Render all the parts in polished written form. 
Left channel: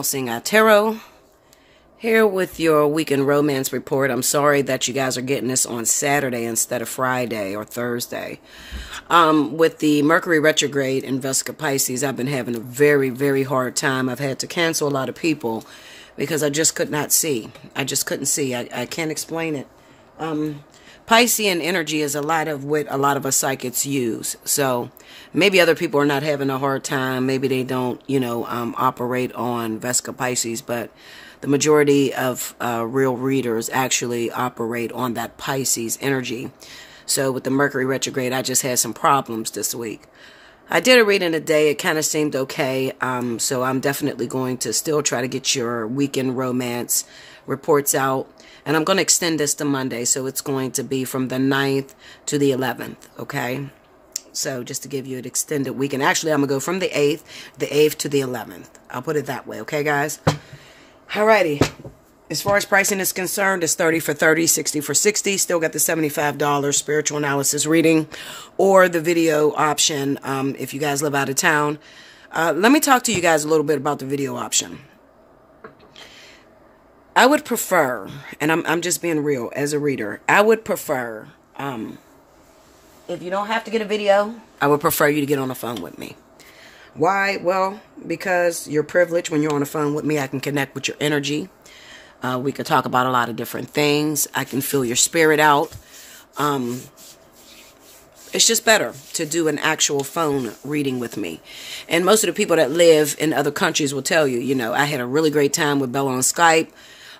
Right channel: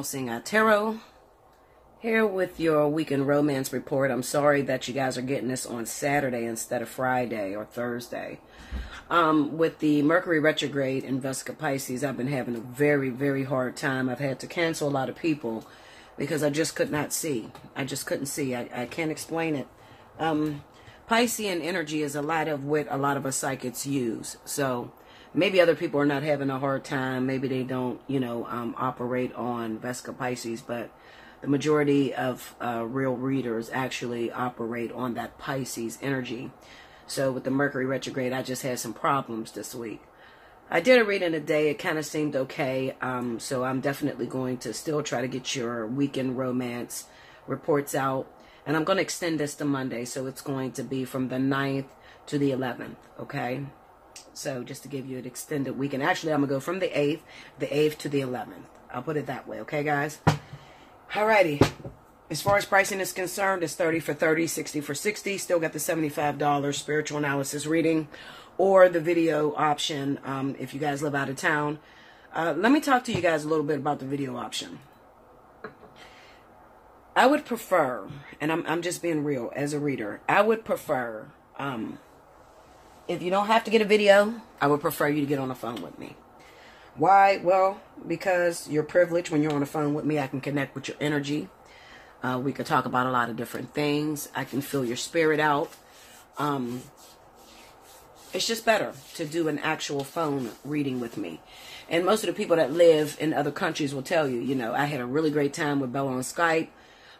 Allseeingeyetarot, here with your weekend romance report. I'm sorry that you guys are getting this on Saturday instead of Friday or Thursday. With the Mercury retrograde in Vesica Pisces, I've been having a very, very hard time. I've had to cancel a lot of people because I just could not see. I just couldn't see. I can't explain it. Piscean energy is a lot of what a lot of us psychics use. So maybe other people are not having a hard time. Maybe they don't, operate on Vesica Pisces, but the majority of real readers actually operate on that Pisces energy. So with the Mercury retrograde, I just had some problems this week. I did a reading today. It kind of seemed okay. So I'm definitely going to still try to get your weekend romance reports out. And I'm going to extend this to Monday, so it's going to be from the 9th to the 11th, okay? So just to give you an extended weekend. Actually, I'm going to go from the 8th to the 11th. I'll put it that way, okay, guys? Alrighty. As far as pricing is concerned, it's 30 for 30, 60 for 60. Still got the $75 spiritual analysis reading or the video option if you guys live out of town. Let me talk to you guys a little bit about the video option. I would prefer, and I'm just being real as a reader, I would prefer, if you don't have to get a video, I would prefer you to get on the phone with me. Why? Well, because you're privileged when you're on the phone with me. I can connect with your energy. We could talk about a lot of different things. I can feel your spirit out. It's just better to do an actual phone reading with me. And most of the people that live in other countries will tell you, I had a really great time with Bella on Skype.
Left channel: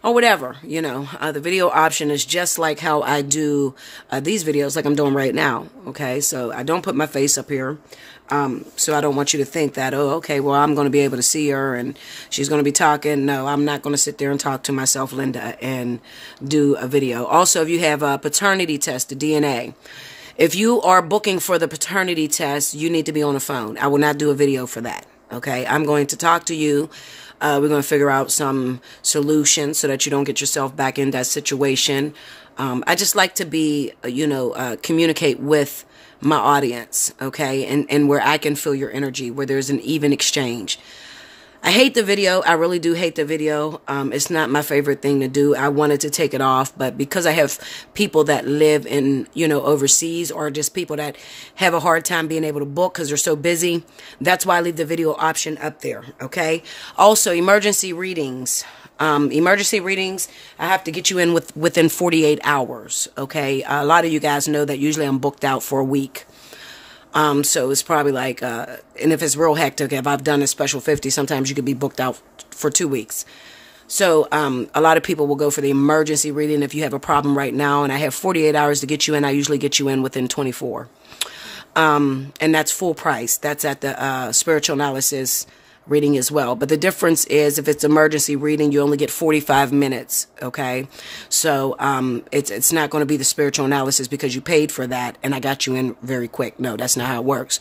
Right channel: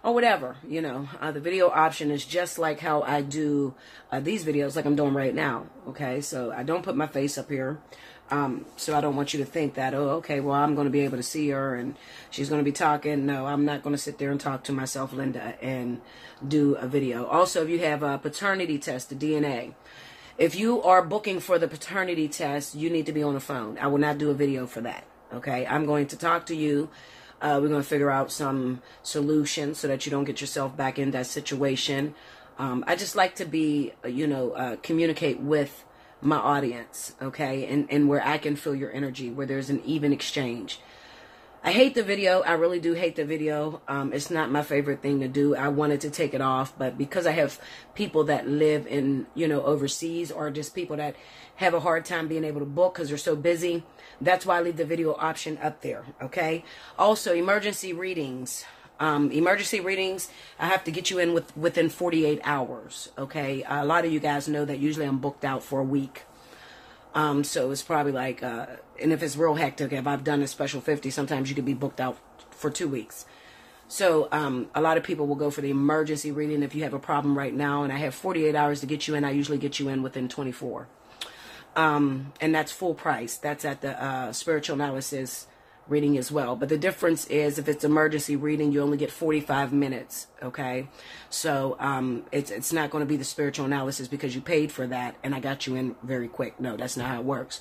Or whatever, the video option is just like how I do these videos like I'm doing right now, okay? So I don't put my face up here, so I don't want you to think that, oh, okay, well, I'm going to be able to see her and she's going to be talking. No, I'm not going to sit there and talk to myself, Linda, and do a video. Also, if you have a paternity test, the DNA, if you are booking for the paternity test, you need to be on the phone. I will not do a video for that, okay? I'm going to talk to you. We're going to figure out some solutions so that you don't get yourself back in that situation. I just like to be, communicate with my audience, okay? And where I can feel your energy, where there's an even exchange. I hate the video. I really do hate the video. It's not my favorite thing to do. I wanted to take it off, but because I have people that live in, overseas, or just people that have a hard time being able to book because they're so busy, that's why I leave the video option up there, okay? Also, emergency readings. Emergency readings, I have to get you in within 48 hours, okay? A lot of you guys know that usually I'm booked out for a week. So it's probably like, and if it's real hectic, if I've done a special 50, sometimes you could be booked out for 2 weeks. So, a lot of people will go for the emergency reading if you have a problem right now, and I have 48 hours to get you in. I usually get you in within 24. And that's full price. That's at the, spiritual analysis reading as well. But the difference is if it's emergency reading, you only get 45 minutes, okay? So it's not going to be the spiritual analysis because you paid for that and I got you in very quick. No, that's not how it works.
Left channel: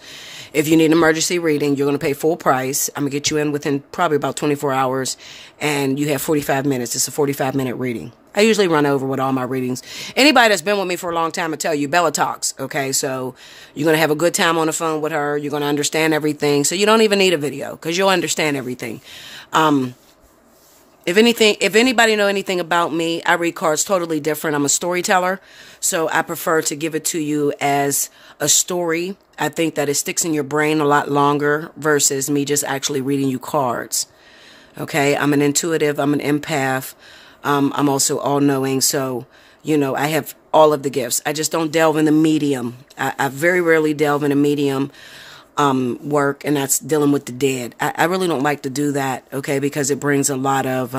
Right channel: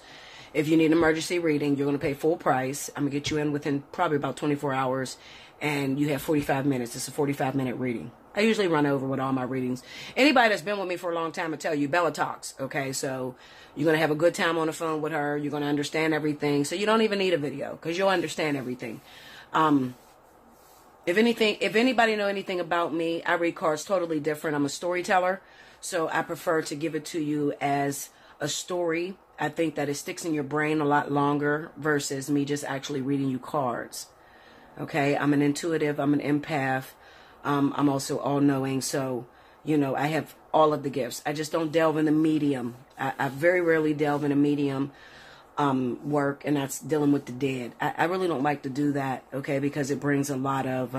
If you need an emergency reading, you're going to pay full price. I'm going to get you in within probably about 24 hours and you have 45 minutes. It's a 45-minute reading. I usually run over with all my readings. Anybody that's been with me for a long time will tell you, Bella talks, okay? So you're going to have a good time on the phone with her. You're going to understand everything. So you don't even need a video because you'll understand everything. If anybody know anything about me, I read cards totally different. I'm a storyteller, so I prefer to give it to you as a story. I think that it sticks in your brain a lot longer versus me just actually reading you cards, okay? I'm an intuitive. I'm an empath. I'm also all-knowing, so, I have all of the gifts. I just don't delve in the medium. I very rarely delve in a medium work, and that's dealing with the dead. I really don't like to do that, okay, because it brings a lot of,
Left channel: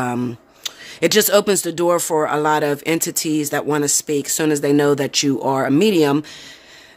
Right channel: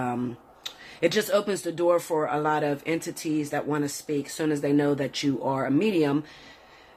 it just opens the door for a lot of entities that want to speak. As soon as they know that you are a medium,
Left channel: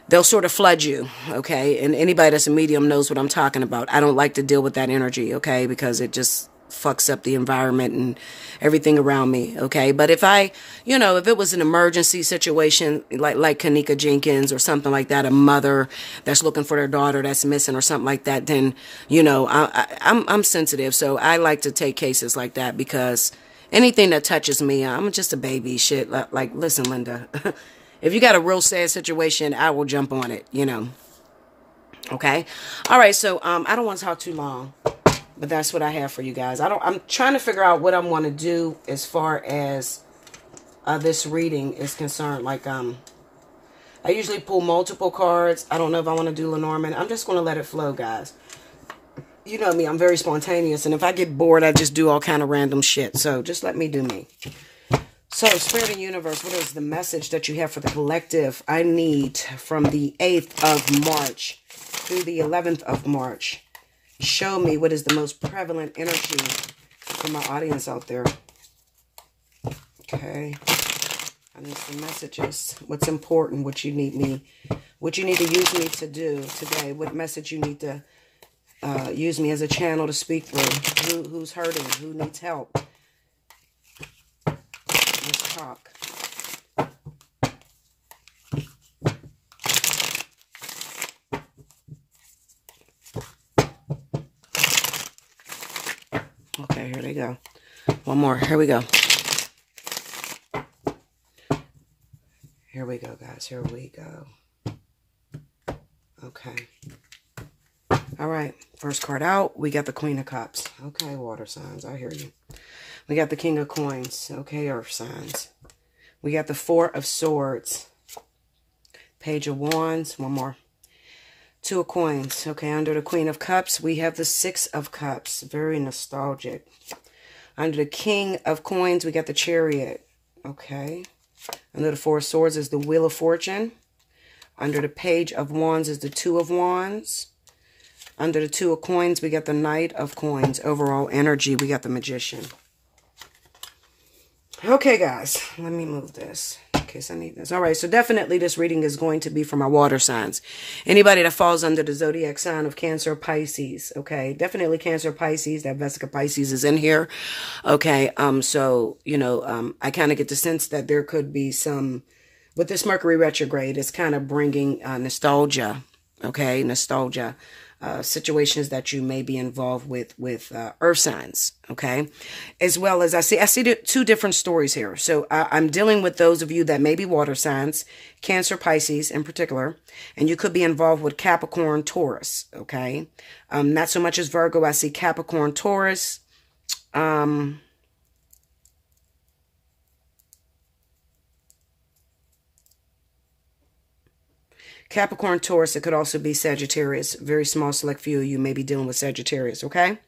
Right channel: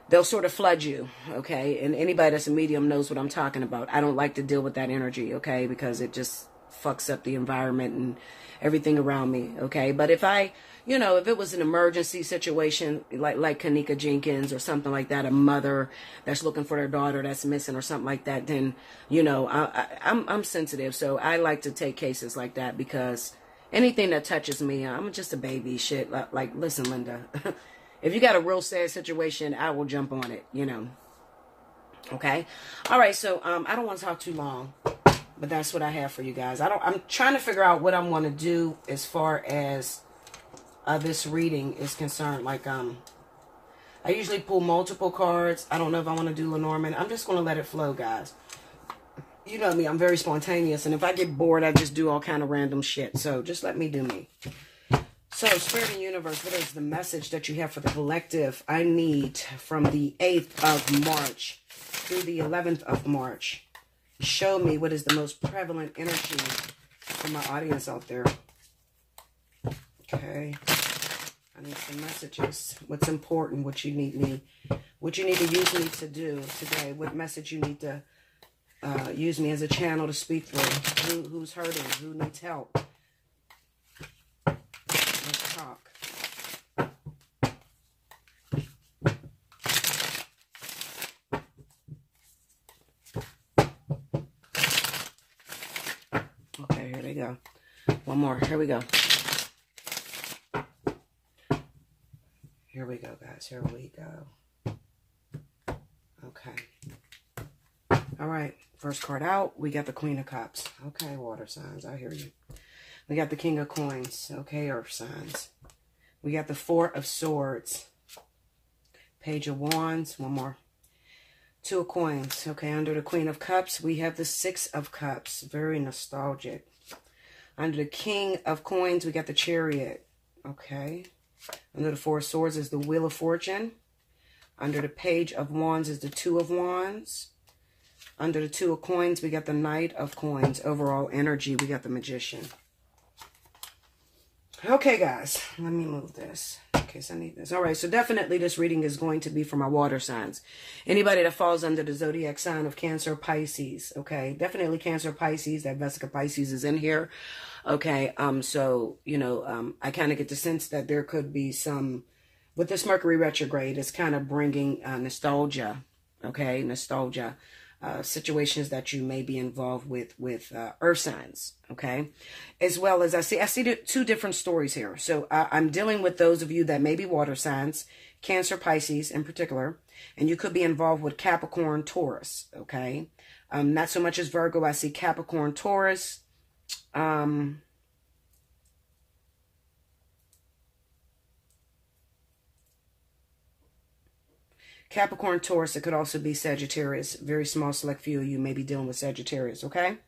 they'll sort of flood you, okay, and anybody that's a medium knows what I'm talking about. I don't like to deal with that energy, okay, because it just fucks up the environment and everything around me, okay? But if if it was an emergency situation, like Kanika Jenkins or something like that, a mother that's looking for their daughter that's missing or something like that, then, I'm sensitive. So I like to take cases like that because anything that touches me, I'm just a baby shit. Like, listen, Linda, if you got a real sad situation, I will jump on it, Okay? All right, so I don't want to talk too long. But that's what I have for you guys. I'm trying to figure out what I want to do as far as this reading is concerned. Like, I usually pull multiple cards. I don't know if I want to do Lenormand. I'm just going to let it flow, guys. You know me, I'm very spontaneous. And if I get bored, I just do all kind of random shit. So just let me do me. So, Spirit and Universe, what is the message that you have for the collective? I need from the 8th of March through the 11th of March. Show me what is the most prevalent energy for my audience out there. Okay. I need some messages. What's important? What you need to use me to do today? What message you need to use me as a channel to speak through? Who's hurting? Who needs help? Let's talk. Okay, here they go. One more. Here we go. Here we go, guys. Here we go. Okay. All right. First card out. We got the Queen of Cups. Okay, water signs. I hear you. We got the King of Coins. Okay, earth signs. We got the Four of Swords. Page of Wands. One more. Two of Coins. Okay, under the Queen of Cups, we have the Six of Cups. Very nostalgic. Under the King of Coins, we got the Chariot. Okay. Under the Four of Swords is the Wheel of Fortune. Under the Page of Wands is the Two of Wands. Under the Two of Coins, we got the Knight of Coins. Overall energy, we got the Magician. Okay, guys. Let me move this in case I need this. All right, so definitely this reading is going to be for my water signs. Anybody that falls under the zodiac sign of Cancer or Pisces, okay? Definitely Cancer or Pisces. That Vesica Pisces is in here. Okay, so, you know, I kind of get the sense that there could be some, with this Mercury retrograde, it's kind of bringing nostalgia, okay? Nostalgia. Situations that you may be involved with earth signs, okay? As well as I see two different stories here. So I'm dealing with those of you that may be water signs, Cancer, Pisces in particular, and you could be involved with Capricorn, Taurus, okay? Not so much as Virgo. I see Capricorn, Taurus, Capricorn, Taurus. It could also be Sagittarius. Very small select few of you may be dealing with Sagittarius, okay?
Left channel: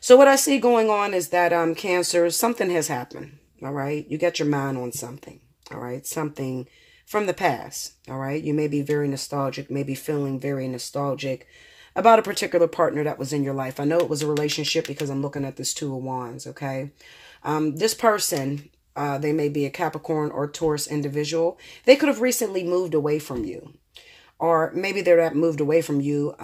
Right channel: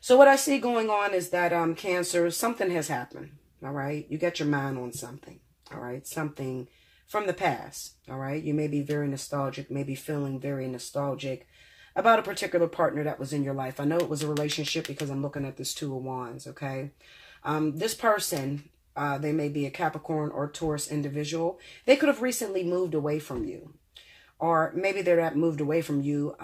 So what I see going on is that Cancer, something has happened, all right? You got your mind on something, all right? Something from the past, all right? You may be very nostalgic, maybe feeling very nostalgic about a particular partner that was in your life. I know it was a relationship because I'm looking at this Two of Wands, okay? This person, they may be a Capricorn or Taurus individual. They could have recently moved away from you. Or maybe they're not moved away from you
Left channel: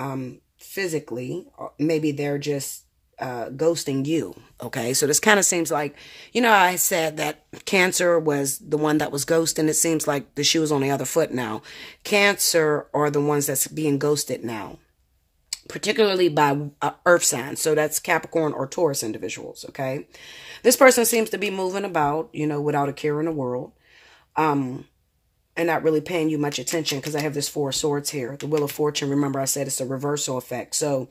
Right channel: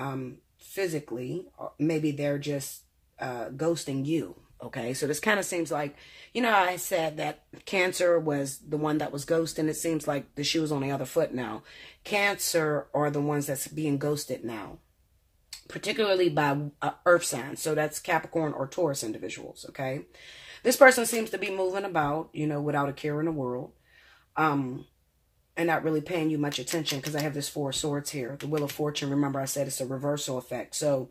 physically. Or maybe they're just ghosting you. Okay, so this kind of seems like, you know, I said that Cancer was the one that was ghosting. It seems like the shoe is on the other foot now. Cancer are the ones that's being ghosted now, particularly by earth signs. So that's Capricorn or Taurus individuals, okay? This person seems to be moving about, you know, without a care in the world. And not really paying you much attention because I have this Four of Swords here. The Wheel of Fortune, remember I said it's a reversal effect. So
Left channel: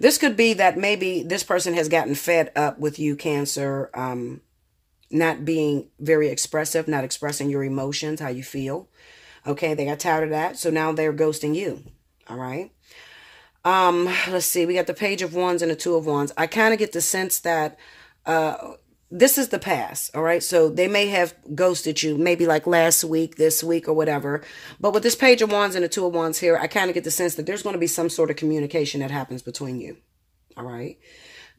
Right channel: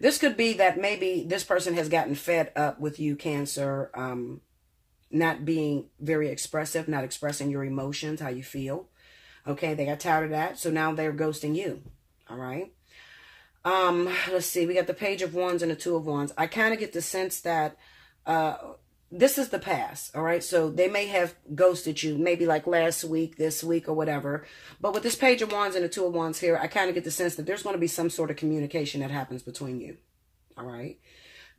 this could be that maybe this person has gotten fed up with you, Cancer, not being very expressive, not expressing your emotions, how you feel. Okay, they got tired of that. So now they're ghosting you, all right? Let's see. We got the Page of Wands and the Two of Wands. I kind of get the sense that this is the past, all right? So they may have ghosted you maybe like last week, this week, or whatever. But with this Page of Wands and the Two of Wands here, I kind of get the sense that there's going to be some sort of communication that happens between you, all right?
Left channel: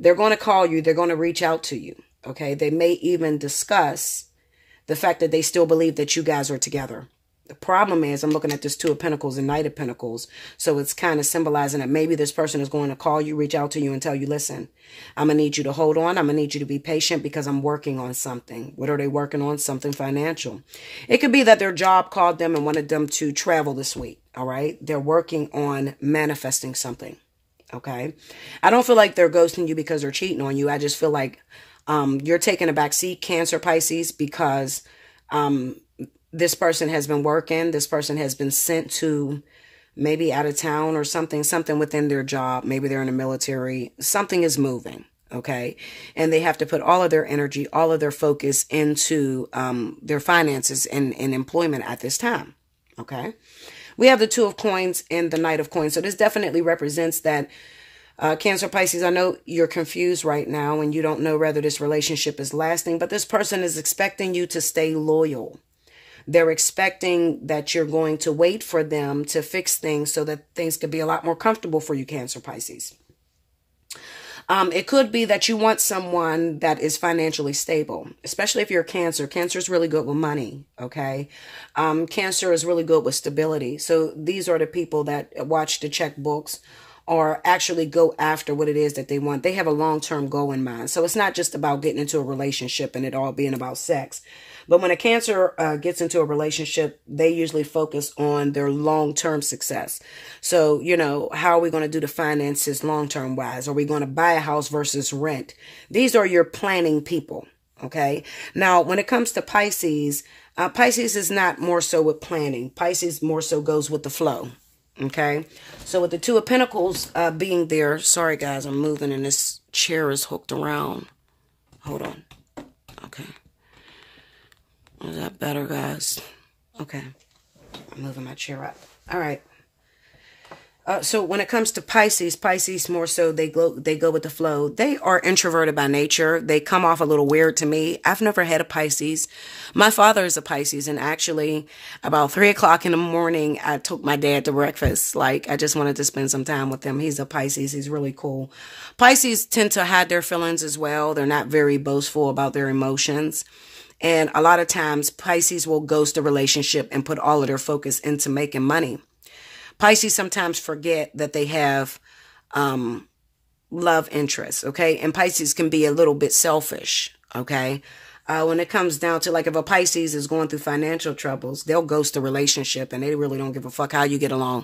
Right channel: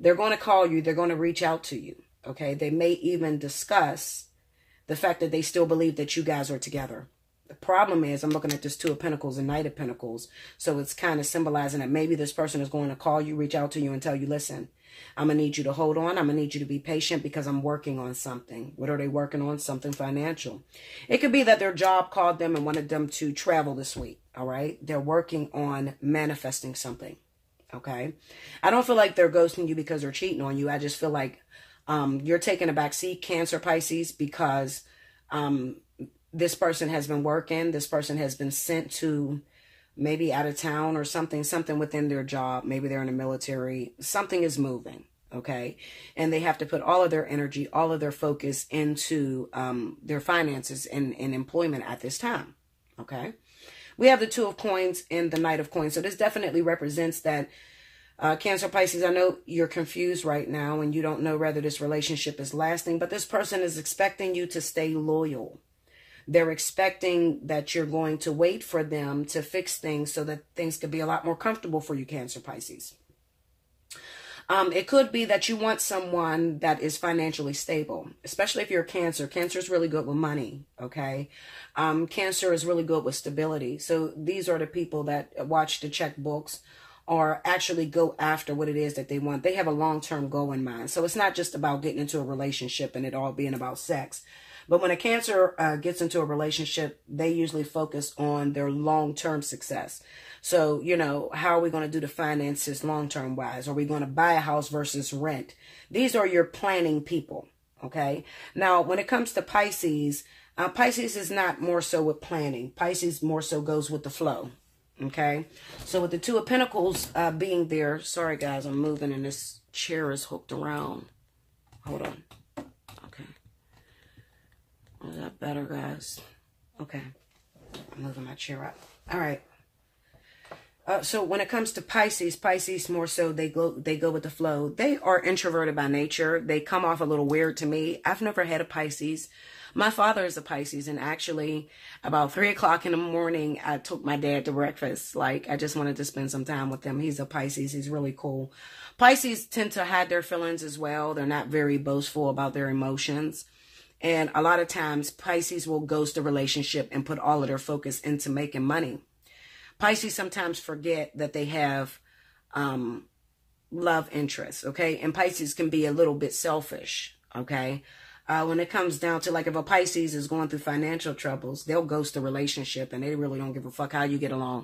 They're going to call you. They're going to reach out to you, okay? They may even discuss the fact that they still believe that you guys are together. The problem is I'm looking at this Two of Pentacles and Knight of Pentacles. So it's kind of symbolizing that maybe this person is going to call you, reach out to you and tell you, listen, I'm going to need you to hold on. I'm going to need you to be patient because I'm working on something. What are they working on? Something financial. It could be that their job called them and wanted them to travel this week. All right. They're working on manifesting something. Okay. I don't feel like they're ghosting you because they're cheating on you. I just feel like you're taking a back seat, Cancer, Pisces, because this person has been working. This person has been sent to maybe out of town or something within their job. Maybe they're in the military. Something is moving. Okay. And they have to put all of their energy, all of their focus into their finances and employment at this time. Okay. We have the Two of Coins and the Knight of Coins. So this definitely represents that Cancer, Pisces, I know you're confused right now and you don't know whether this relationship is lasting, but this person is expecting you to stay loyal. They're expecting that you're going to wait for them to fix things so that things could be a lot more comfortable for you, Cancer, Pisces. It could be that you want someone that is financially stable, especially if you're a Cancer. Cancer is really good with money, okay? Cancer is really good with stability. So these are the people that watch the checkbooks or actually go after what it is that they want. They have a long-term goal in mind. So it's not just about getting into a relationship and it all being about sex. But when a Cancer gets into a relationship, they usually focus on their long-term success. So, you know, how are we going to do the finances long-term wise? Are we going to buy a house versus rent? These are your planning people, okay? Now, when it comes to Pisces, Pisces is not more so with planning. Pisces more so goes with the flow. Okay, so with the Two of Pentacles being there, sorry guys, I'm moving and this chair is hooked around. Hold on. Okay. Is that better, guys? Okay. I'm moving my chair up. All right. So when it comes to Pisces, Pisces more so, they go with the flow. They are introverted by nature. They come off a little weird to me. I've never had a Pisces. My father is a Pisces, and actually about 3 o'clock in the morning, I took my dad to breakfast. Like, I just wanted to spend some time with him. He's a Pisces. He's really cool. Pisces tend to hide their feelings as well. They're not very boastful about their emotions. And a lot of times, Pisces will ghost a relationship and put all of their focus into making money. Pisces sometimes forget that they have love interests, okay? And Pisces can be a little bit selfish, okay? When it comes down to, like, if a Pisces is going through financial troubles, they'll ghost a relationship and they really don't give a fuck how you get along.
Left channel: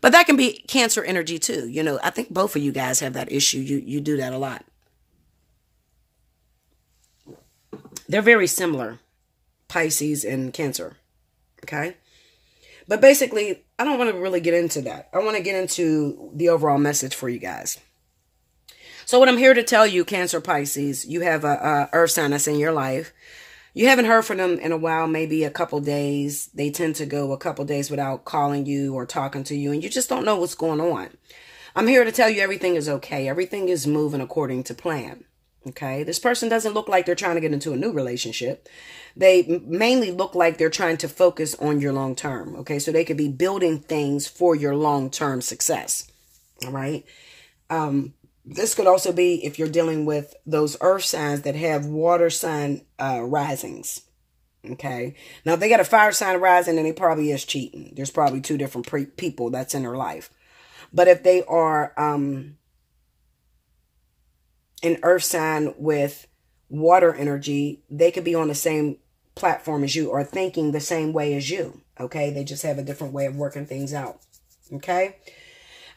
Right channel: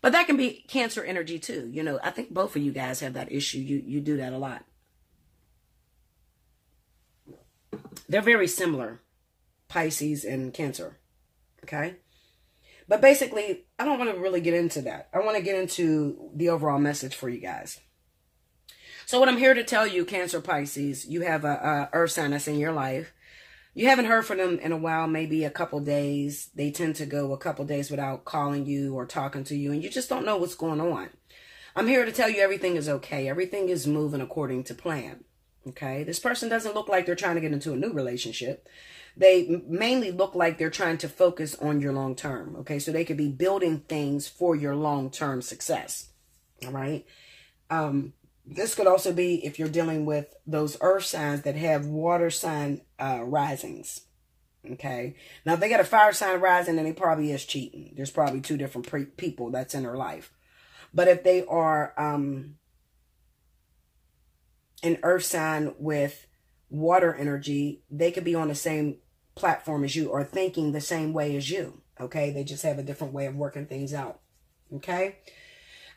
But that can be Cancer energy too. You know, I think both of you guys have that issue. You do that a lot. They're very similar, Pisces and Cancer, okay? But basically, I don't want to really get into that. I want to get into the overall message for you guys. So what I'm here to tell you, Cancer, Pisces, you have a earth sign that's in your life. You haven't heard from them in a while, maybe a couple days. They tend to go a couple days without calling you or talking to you, and you just don't know what's going on. I'm here to tell you everything is okay. Everything is moving according to plan. Okay, this person doesn't look like they're trying to get into a new relationship. They mainly look like they're trying to focus on your long term. Okay, so they could be building things for your long term success. All right. This could also be if you're dealing with those earth signs that have water sign risings. Okay, now if they got a fire sign rising, then they probably is cheating. There's probably two different people that's in their life. But if they are an earth sign with water energy, they could be on the same platform as you or thinking the same way as you. Okay, they just have a different way of working things out. Okay,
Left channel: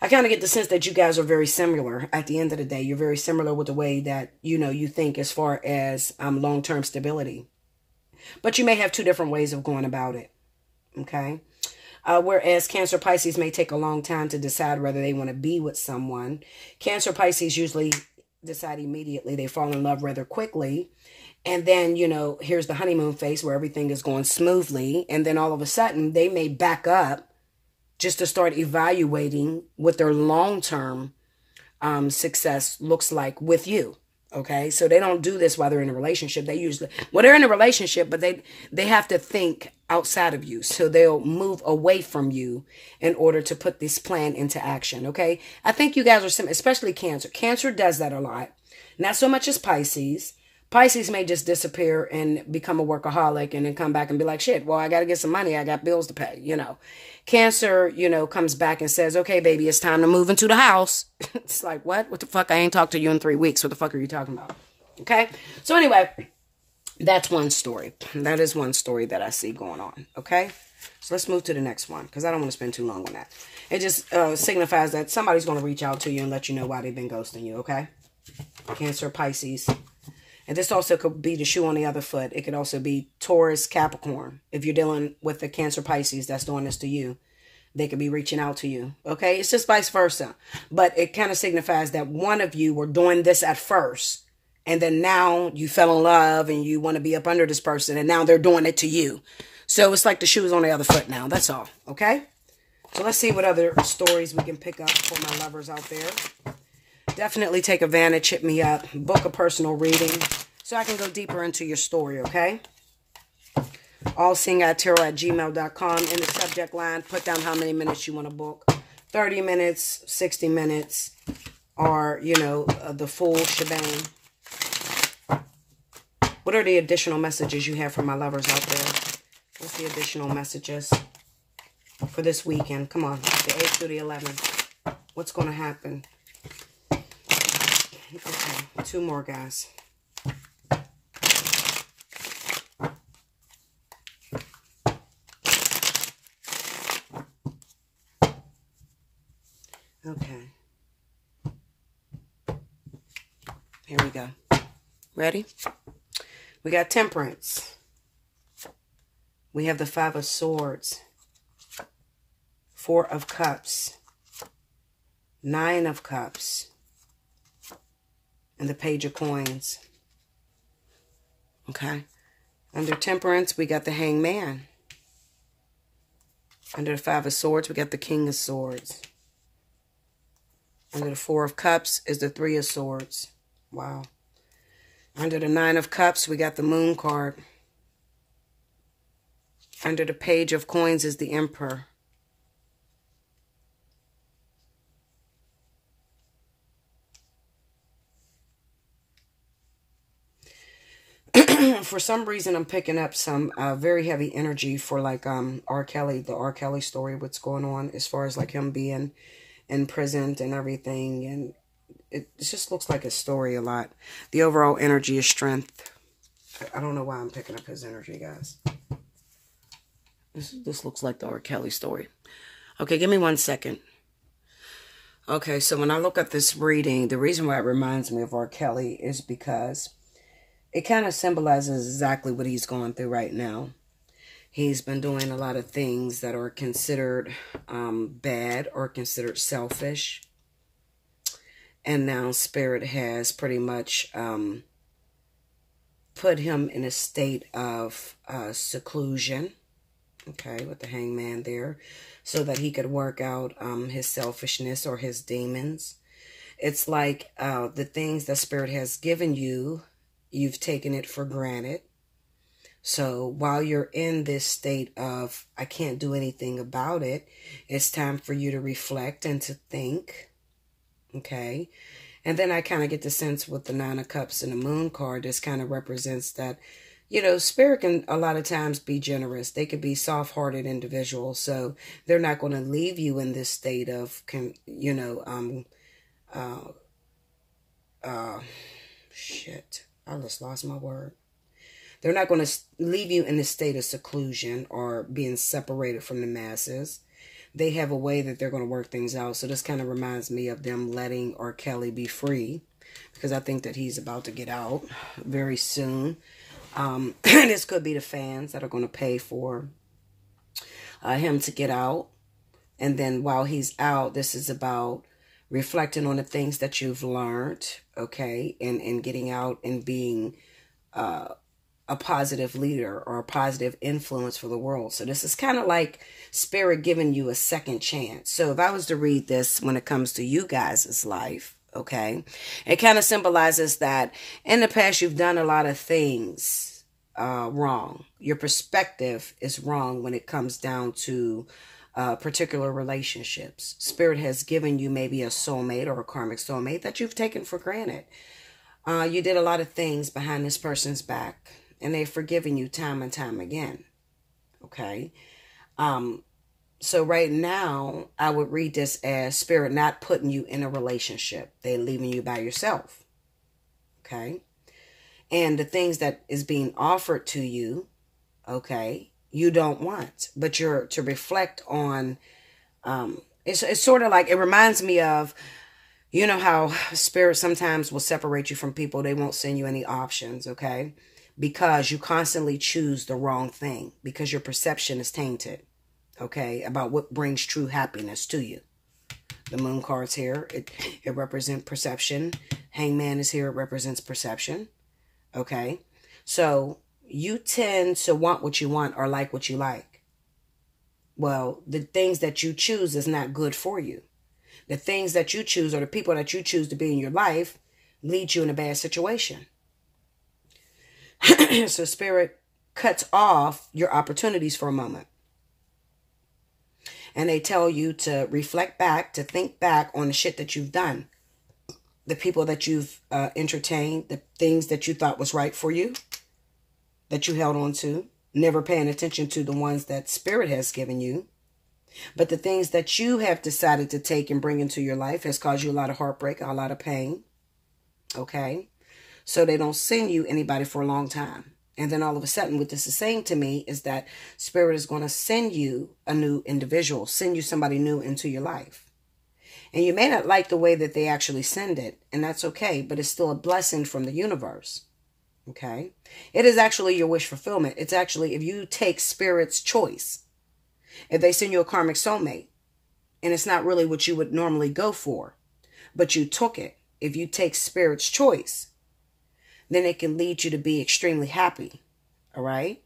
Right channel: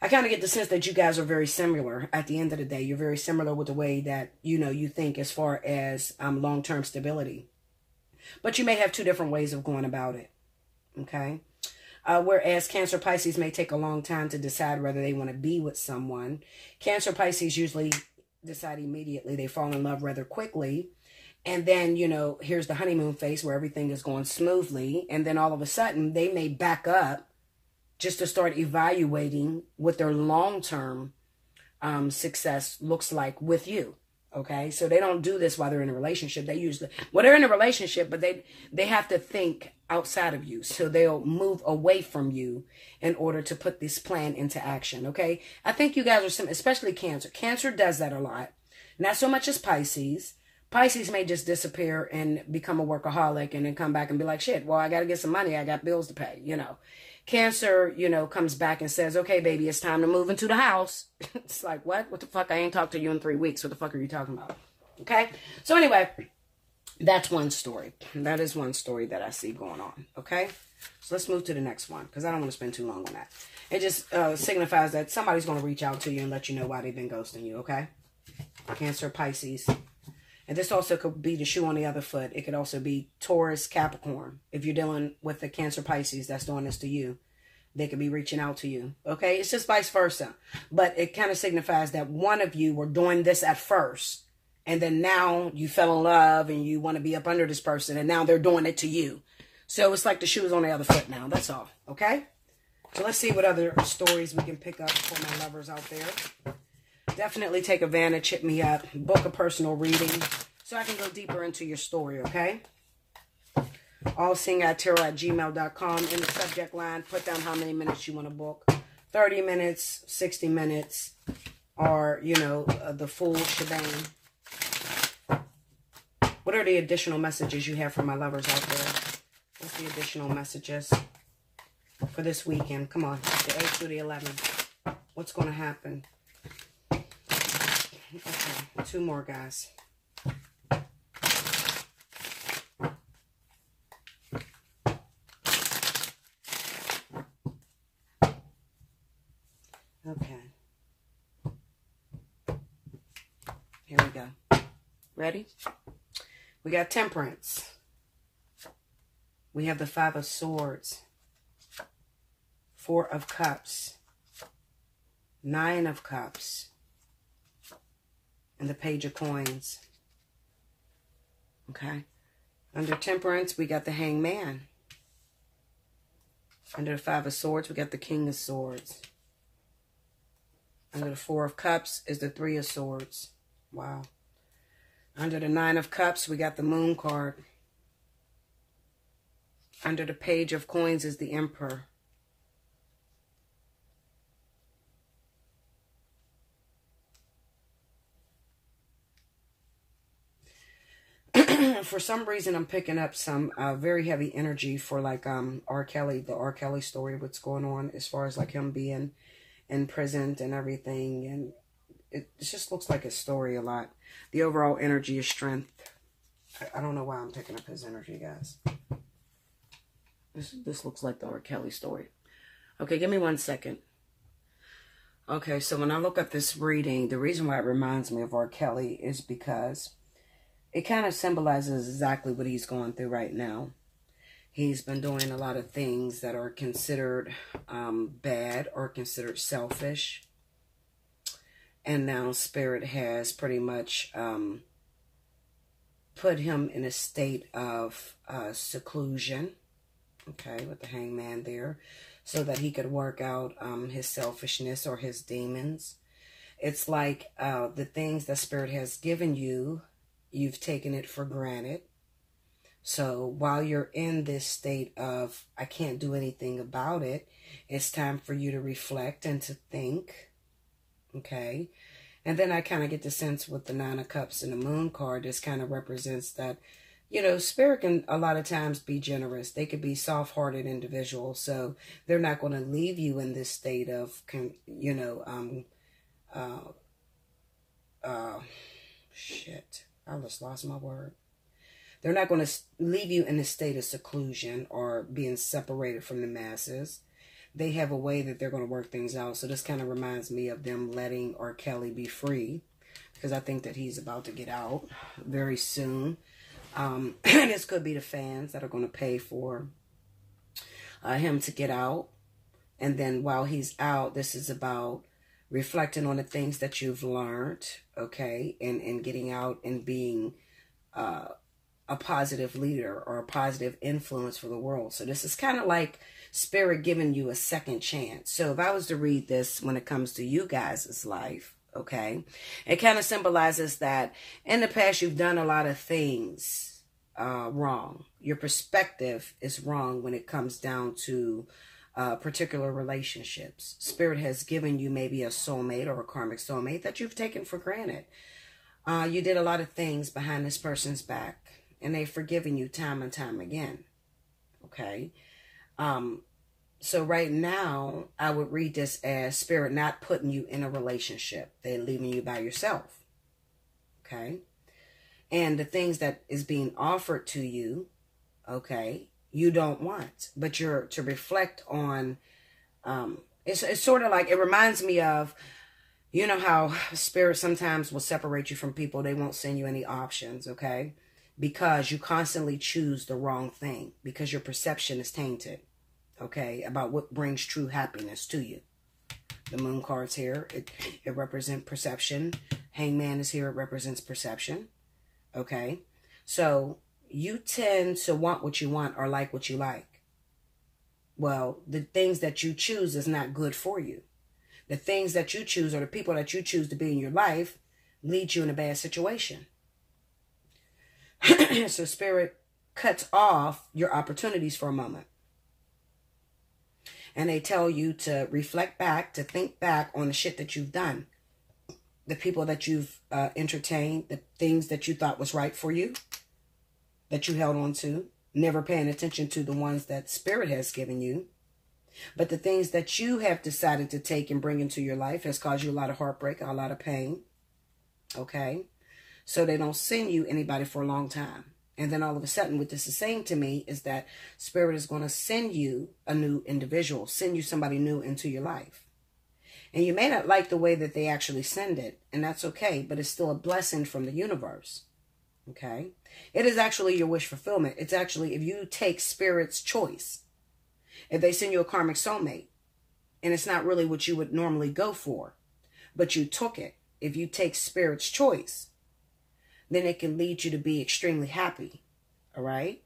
I kind of get the sense that you guys are very similar. At the end of the day, you're very similar with the way that, you know, you think as far as long-term stability. But you may have two different ways of going about it. Okay, whereas Cancer, Pisces may take a long time to decide whether they want to be with someone. Cancer, Pisces usually decide immediately. They fall in love rather quickly. And then, you know, here's the honeymoon phase where everything is going smoothly. And then all of a sudden, they may back up just to start evaluating what their long-term success looks like with you. Okay, so they don't do this while they're in a relationship. They usually, well, they're in a relationship, but they have to think outside of you. So they'll move away from you in order to put this plan into action. Okay, I think you guys are some, especially Cancer. Cancer does that a lot. Not so much as Pisces. Pisces may just disappear and become a workaholic and then come back and be like, shit, well, I got to get some money. I got bills to pay, you know. Cancer, you know, comes back and says, okay, baby, it's time to move into the house. It's like, what? What the fuck? I ain't talked to you in 3 weeks. What the fuck are you talking about? Okay. So anyway, that's one story. That is one story that I see going on. Okay. So let's move to the next one because I don't want to spend too long on that. It just signifies that somebody's going to reach out to you and let you know why they've been ghosting you. Okay. Cancer, Pisces. And this also could be the shoe on the other foot. It could also be Taurus, Capricorn. If you're dealing with the Cancer, Pisces that's doing this to you, they could be reaching out to you. Okay, it's just vice versa. But it kind of signifies that one of you were doing this at first, and then now you fell in love and you want to be up under this person, and now they're doing it to you. So it's like the shoe is on the other foot now. That's all. Okay? So let's see what other stories we can pick up for my lovers out there. Definitely take advantage. Hit me up. Book a personal reading so I can go deeper into your story, okay? Allseeingeyetarot@gmail.com. In the subject line, put down how many minutes you want to book. 30 minutes, 60 minutes, or, you know, the full shebang. What are the additional messages you have for my lovers out there? What's the additional messages for this weekend? Come on, the 8th through the 11th. What's going to happen? Okay, 2 more, guys. Okay. Here we go. Ready? We got Temperance. We have the 5 of Swords. 4 of Cups. 9 of Cups. And the Page of Coins. Okay. Under Temperance, we got the Hangman. Under the 5 of Swords, we got the King of Swords. Under the 4 of Cups is the 3 of Swords. Wow. Under the 9 of Cups, we got the Moon card. Under the Page of Coins is the Emperor. For some reason, I'm picking up some very heavy energy for like R. Kelly, the R. Kelly story, what's going on as far as like him being imprisoned and everything. And it just looks like a story a lot. The overall energy is strength. I don't know why I'm picking up his energy, guys. This looks like the R. Kelly story. Okay, give me 1 second. Okay, so when I look at this reading, the reason why it reminds me of R. Kelly is because it kind of symbolizes exactly what he's going through right now. He's been doing a lot of things that are considered bad or considered selfish. And now Spirit has pretty much put him in a state of seclusion. Okay, with the Hangman there. So that he could work out his selfishness or his demons. It's like the things that Spirit has given you, you've taken it for granted. So while you're in this state of, I can't do anything about it, it's time for you to reflect and to think. Okay. And then I kind of get the sense with the 9 of Cups and the Moon card, this kind of represents that, you know, Spirit can a lot of times be generous. They could be soft-hearted individuals. So they're not going to leave you in this state of, you know, shit. I just lost my word. They're not going to leave you in a state of seclusion or being separated from the masses. They have a way that they're going to work things out. So this kind of reminds me of them letting R. Kelly be free, because I think that he's about to get out very soon. This could be the fans that are going to pay for him to get out. And then while he's out, this is about reflecting on the things that you've learned, okay, and getting out and being a positive leader or a positive influence for the world. So this is kind of like Spirit giving you a second chance. So if I was to read this when it comes to you guys' life, okay, it kind of symbolizes that in the past you've done a lot of things wrong. Your perspective is wrong when it comes down to particular relationships. Spirit has given you maybe a soulmate or a karmic soulmate that you've taken for granted. You did a lot of things behind this person's back, and they've forgiven you time and time again. Okay. So right now, I would read this as Spirit not putting you in a relationship. They're leaving you by yourself. Okay. And the things that is being offered to you, okay, you don't want, but you're to reflect on, it's sort of like, it reminds me of, you know how Spirit sometimes will separate you from people. They won't send you any options, okay? Because you constantly choose the wrong thing, because your perception is tainted, okay, about what brings true happiness to you. The moon card's here. It represents perception. Hangman is here. It represents perception. Okay. So you tend to want what you want or like what you like. Well, the things that you choose is not good for you. The things that you choose or the people that you choose to be in your life lead you in a bad situation. So Spirit cuts off your opportunities for a moment. And they tell you to reflect back, to think back on the shit that you've done. The people that you've entertained, the things that you thought was right for you, that you held on to, never paying attention to the ones that Spirit has given you. But the things that you have decided to take and bring into your life has caused you a lot of heartbreak, a lot of pain. Okay? So they don't send you anybody for a long time. And then all of a sudden, what this is saying to me is that Spirit is going to send you a new individual, send you somebody new into your life. And you may not like the way that they actually send it, and that's okay, but it's still a blessing from the universe. Okay? It is actually your wish fulfillment. It's actually, if you take Spirit's choice, if they send you a karmic soulmate, and it's not really what you would normally go for, but you took it, if you take Spirit's choice, then it can lead you to be extremely happy. All right?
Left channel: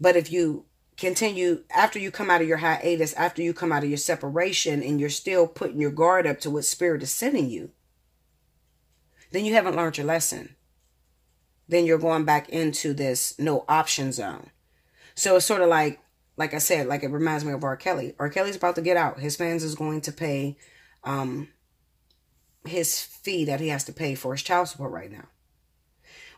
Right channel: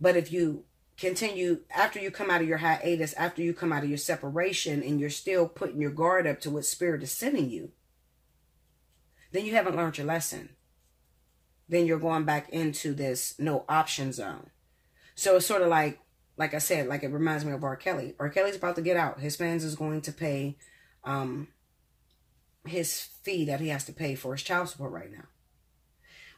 But if you continue, after you come out of your hiatus, after you come out of your separation, and you're still putting your guard up to what Spirit is sending you, then you haven't learned your lesson. Then you're going back into this no option zone. So it's sort of like I said, like it reminds me of R. Kelly. R. Kelly's about to get out. His fans is going to pay his fee that he has to pay for his child support right now.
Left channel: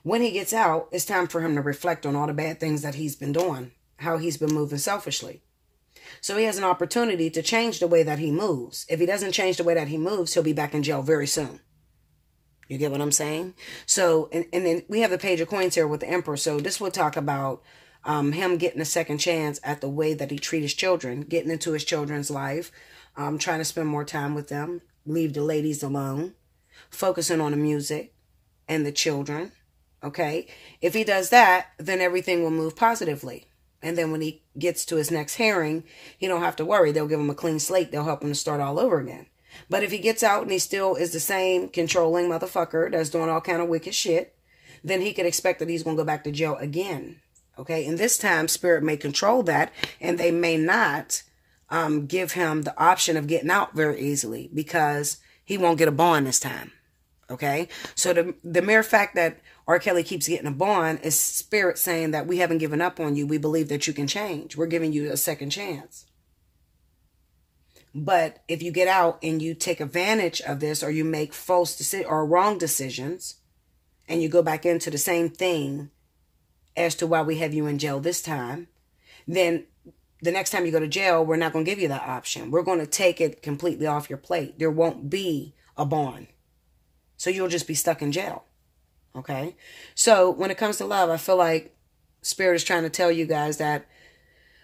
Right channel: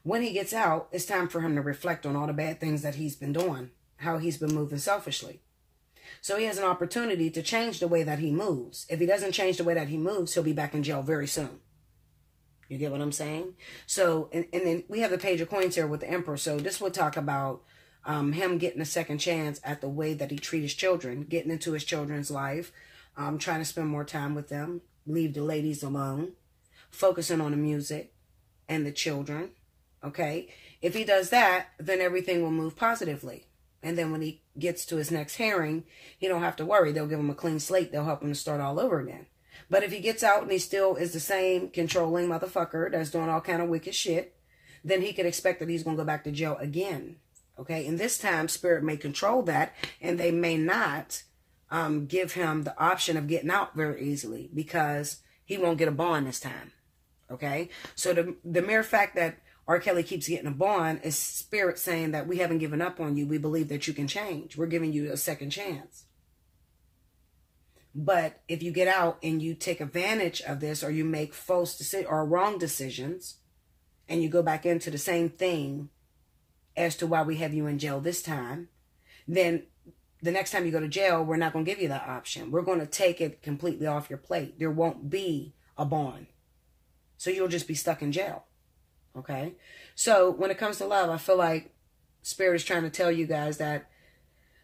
When he gets out, it's time for him to reflect on all the bad things that he's been doing, how he's been moving selfishly. So he has an opportunity to change the way that he moves. If he doesn't change the way that he moves, he'll be back in jail very soon. You get what I'm saying? So, and then we have the Page of Coins here with the Emperor. So this will talk about him getting a second chance at the way that he treats his children, getting into his children's life, trying to spend more time with them, leave the ladies alone, focusing on the music and the children. Okay, if he does that, then everything will move positively. And then when he gets to his next hearing, he don't have to worry. They'll give him a clean slate. They'll help him to start all over again. But if he gets out and he still is the same controlling motherfucker that's doing all kind of wicked shit, then he could expect that he's going to go back to jail again. Okay, and this time Spirit may control that, and they may not give him the option of getting out very easily, because he won't get a bond this time. Okay, so the mere fact that R. Kelly keeps getting a bond is Spirit saying that we haven't given up on you. We believe that you can change. We're giving you a second chance. But if you get out and you take advantage of this, or you make false decisions or wrong decisions, and you go back into the same thing as to why we have you in jail this time, then the next time you go to jail, we're not going to give you that option. We're going to take it completely off your plate. There won't be a bond. So you'll just be stuck in jail. Okay? So when it comes to love, I feel like Spirit is trying to tell you guys that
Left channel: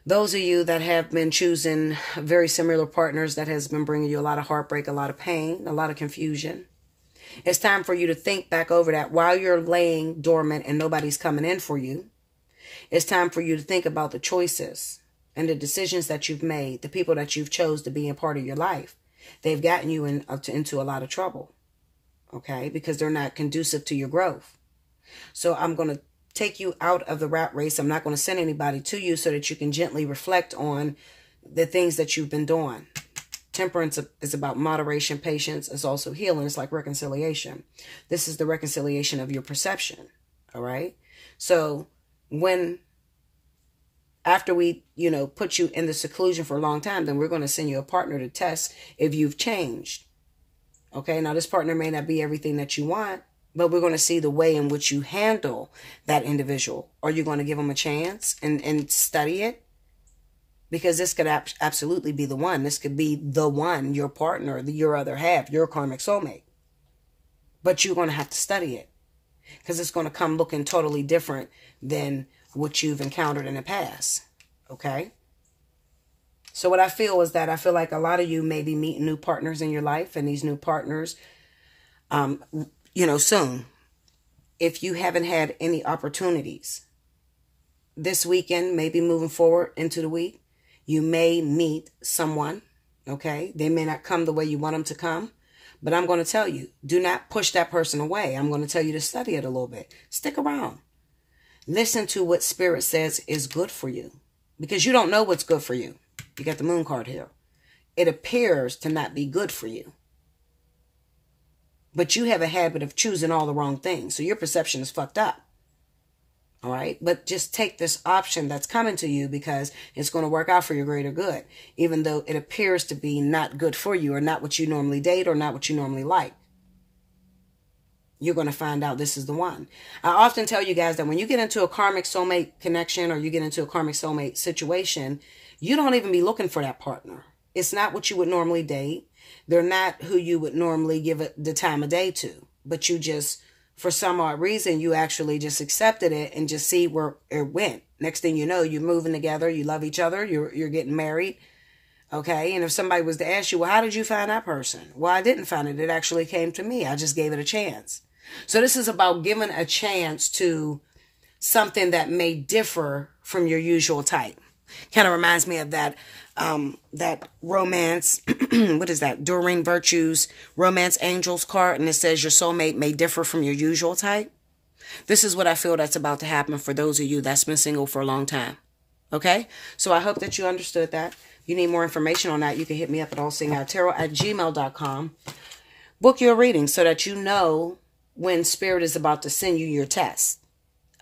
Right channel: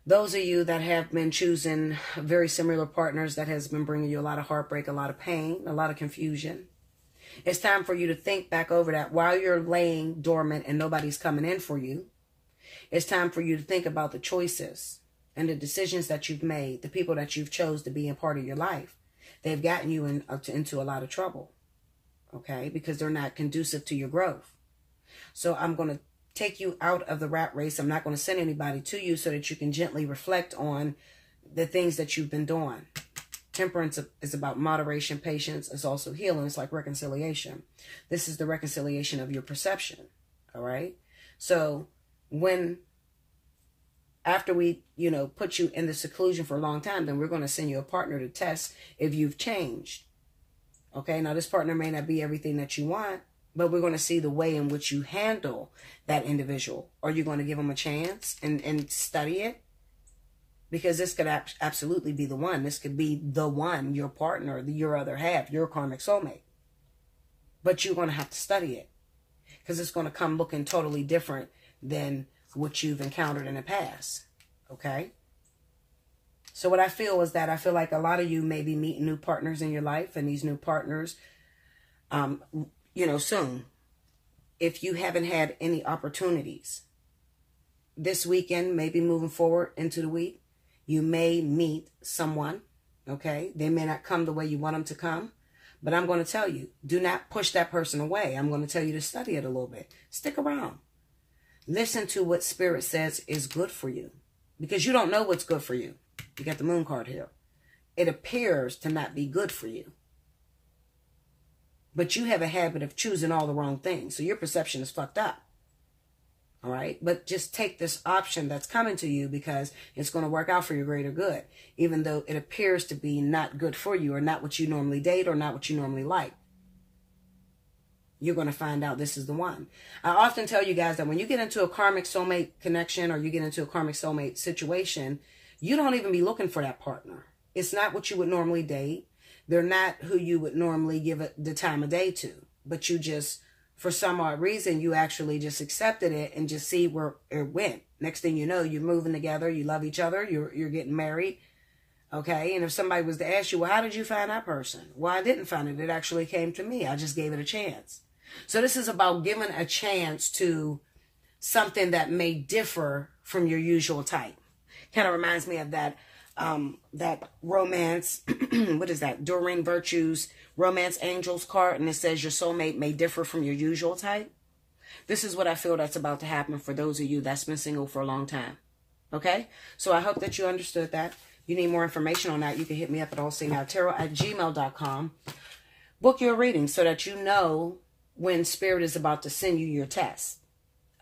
those of you that have been choosing very similar partners that has been bringing you a lot of heartbreak, a lot of pain, a lot of confusion, it's time for you to think back over that while you're laying dormant and nobody's coming in for you. It's time for you to think about the choices and the decisions that you've made, the people that you've chose to be a part of your life. They've gotten you into a lot of trouble. Okay, because they're not conducive to your growth. So I'm going to take you out of the rat race. I'm not going to send anybody to you so that you can gently reflect on the things that you've been doing. Temperance is about moderation, patience. It's also healing. It's like reconciliation. This is the reconciliation of your perception. All right. So after we, put you in the seclusion for a long time, then we're going to send you a partner to test if you've changed. Okay, now this partner may not be everything that you want, but we're going to see the way in which you handle that individual. Are you going to give them a chance and study it? Because this could absolutely be the one. This could be the one, your partner, your other half, your karmic soulmate. But you're going to have to study it, because it's going to come looking totally different than what you've encountered in the past. Okay? So what I feel is that I feel like a lot of you may be meeting new partners in your life, and these new partners, soon. If you haven't had any opportunities this weekend, maybe moving forward into the week, You may meet someone, okay? They may not come the way you want them to come, but I'm going to tell you, do not push that person away. I'm going to tell you to study it a little bit. Stick around. Listen to what Spirit says is good for you, because you don't know what's good for you. You got the Moon card here. It appears to not be good for you, but you have a habit of choosing all the wrong things, so your perception is fucked up. All right, but just take this option that's coming to you because it's going to work out for your greater good, even though it appears to be not good for you or not what you normally date or not what you normally like. You're going to find out this is the one. I often tell you guys that when you get into a karmic soulmate connection or you get into a karmic soulmate situation, you don't even be looking for that partner. It's not what you would normally date. They're not who you would normally give it the time of day to, but you just, for some odd reason, you actually just accepted it and just see where it went. Next thing you know, you're moving together. You love each other. You're getting married. Okay. And if somebody was to ask you, well, how did you find that person? Well, I didn't find it. It actually came to me. I just gave it a chance. So this is about giving a chance to something that may differ from your usual type. Kind of reminds me of that romance, what is that? Doreen Virtue's Romance Angels card. And it says your soulmate may differ from your usual type. This is what I feel that's about to happen for those of you that's been single for a long time. Okay? So I hope that you understood that. You need more information on that, you can hit me up at allseeingeyetarot@gmail.com. Book your reading so that you know when Spirit is about to send you your test.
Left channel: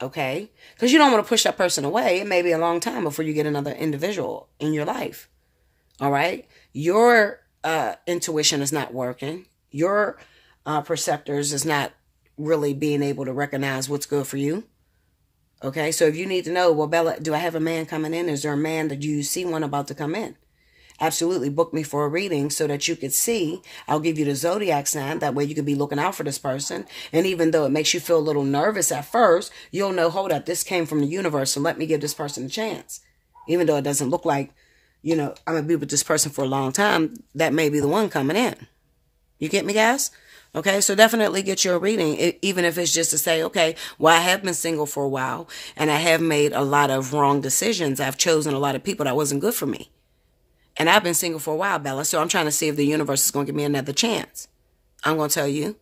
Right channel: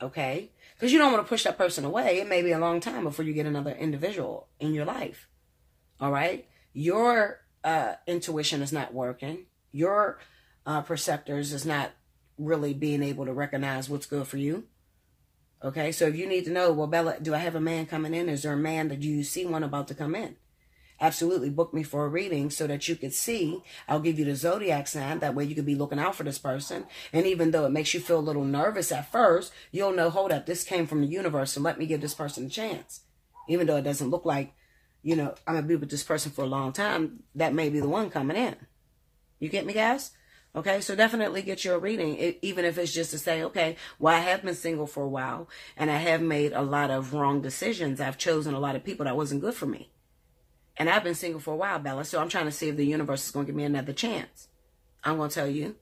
Okay? Because you don't want to push that person away. It may be a long time before you get another individual in your life. All right? Your intuition is not working. Your perceptors is not really being able to recognize what's good for you. Okay? So if you need to know, well, Bella, do I have a man coming in? Is there a man? Do you see one about to come in? Absolutely. Book me for a reading so that you could see. I'll give you the zodiac sign. That way you can be looking out for this person. And even though it makes you feel a little nervous at first, you'll know, hold up, this came from the universe. So let me give this person a chance. Even though it doesn't look like, you know, I'm going to be with this person for a long time. That may be the one coming in. You get me, guys? Okay, so definitely get your reading, even if it's just to say, okay, well, I have been single for a while and I have made a lot of wrong decisions. I've chosen a lot of people that wasn't good for me. And I've been single for a while, Bella, so I'm trying to see if the universe is going to give me another chance. I'm going to tell you,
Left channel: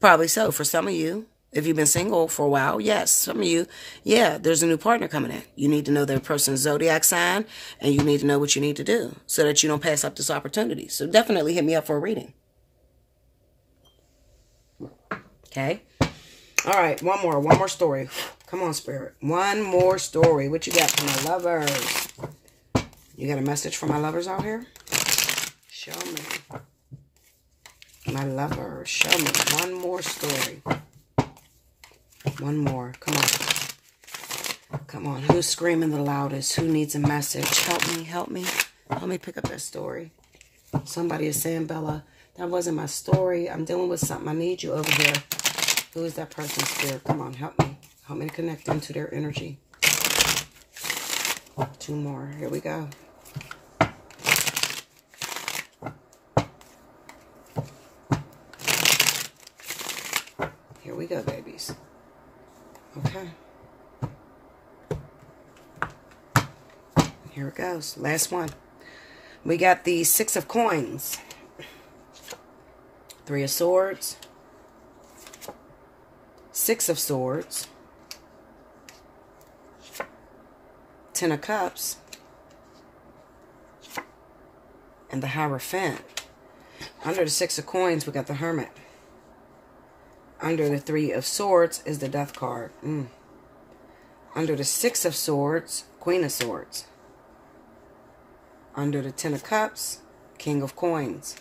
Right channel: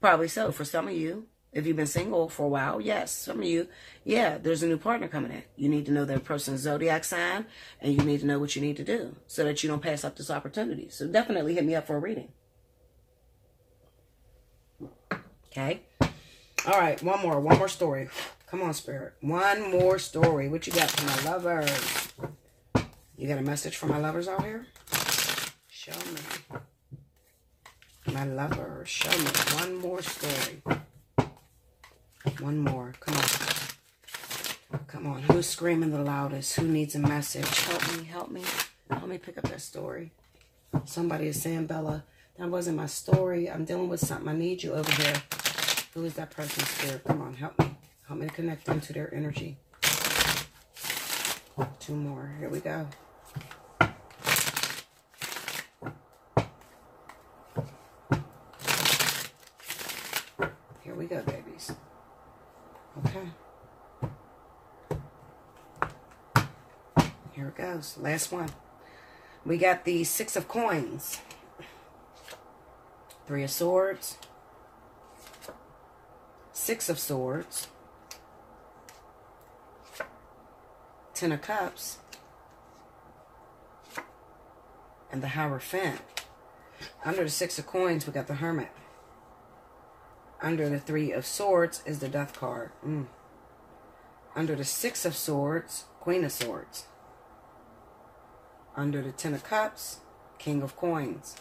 probably so. For some of you, if you've been single for a while, yes. Some of you, yeah, there's a new partner coming in. You need to know their person's zodiac sign, and you need to know what you need to do so that you don't pass up this opportunity. So definitely hit me up for a reading. Okay? All right, one more story. Come on, Spirit. One more story. What you got for my lovers? You got a message for my lovers out here? Show me. My lovers, show me. One more story. One more. Come on. Come on. Who's screaming the loudest? Who needs a message? Help me. Help me. Help me pick up that story. Somebody is saying, Bella, that wasn't my story. I'm dealing with something. I need you over there. Who's that person, Spirit? Come on. Help me. Help me to connect into their energy. Two more. Here we go. Here we go, babies. Okay. Here it goes. Last one. We got the Six of Coins. Three of Swords. Six of Swords. Ten of Cups. And the Hierophant. Under the Six of Coins, we got the Hermit. Under the Three of Swords is the Death card. Under the Six of Swords, Queen of Swords. Under the Ten of Cups, King of Coins.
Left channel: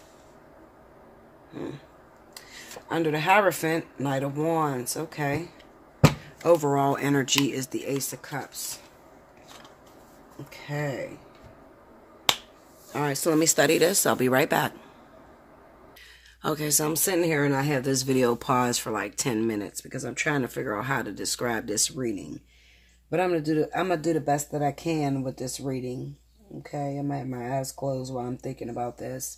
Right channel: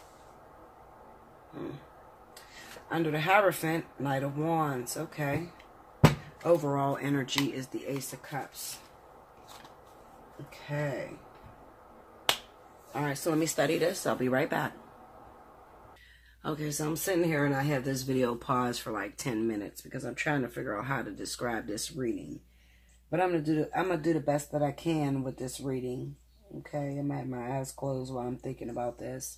Under the Hierophant, Knight of Wands. Okay. Overall energy is the Ace of Cups. Okay. All right, so let me study this. I'll be right back. Okay, so I'm sitting here and I have this video paused for like 10 minutes because I'm trying to figure out how to describe this reading. But I'm gonna do the best that I can with this reading. Okay, I'm gonna have my eyes closed while I'm thinking about this.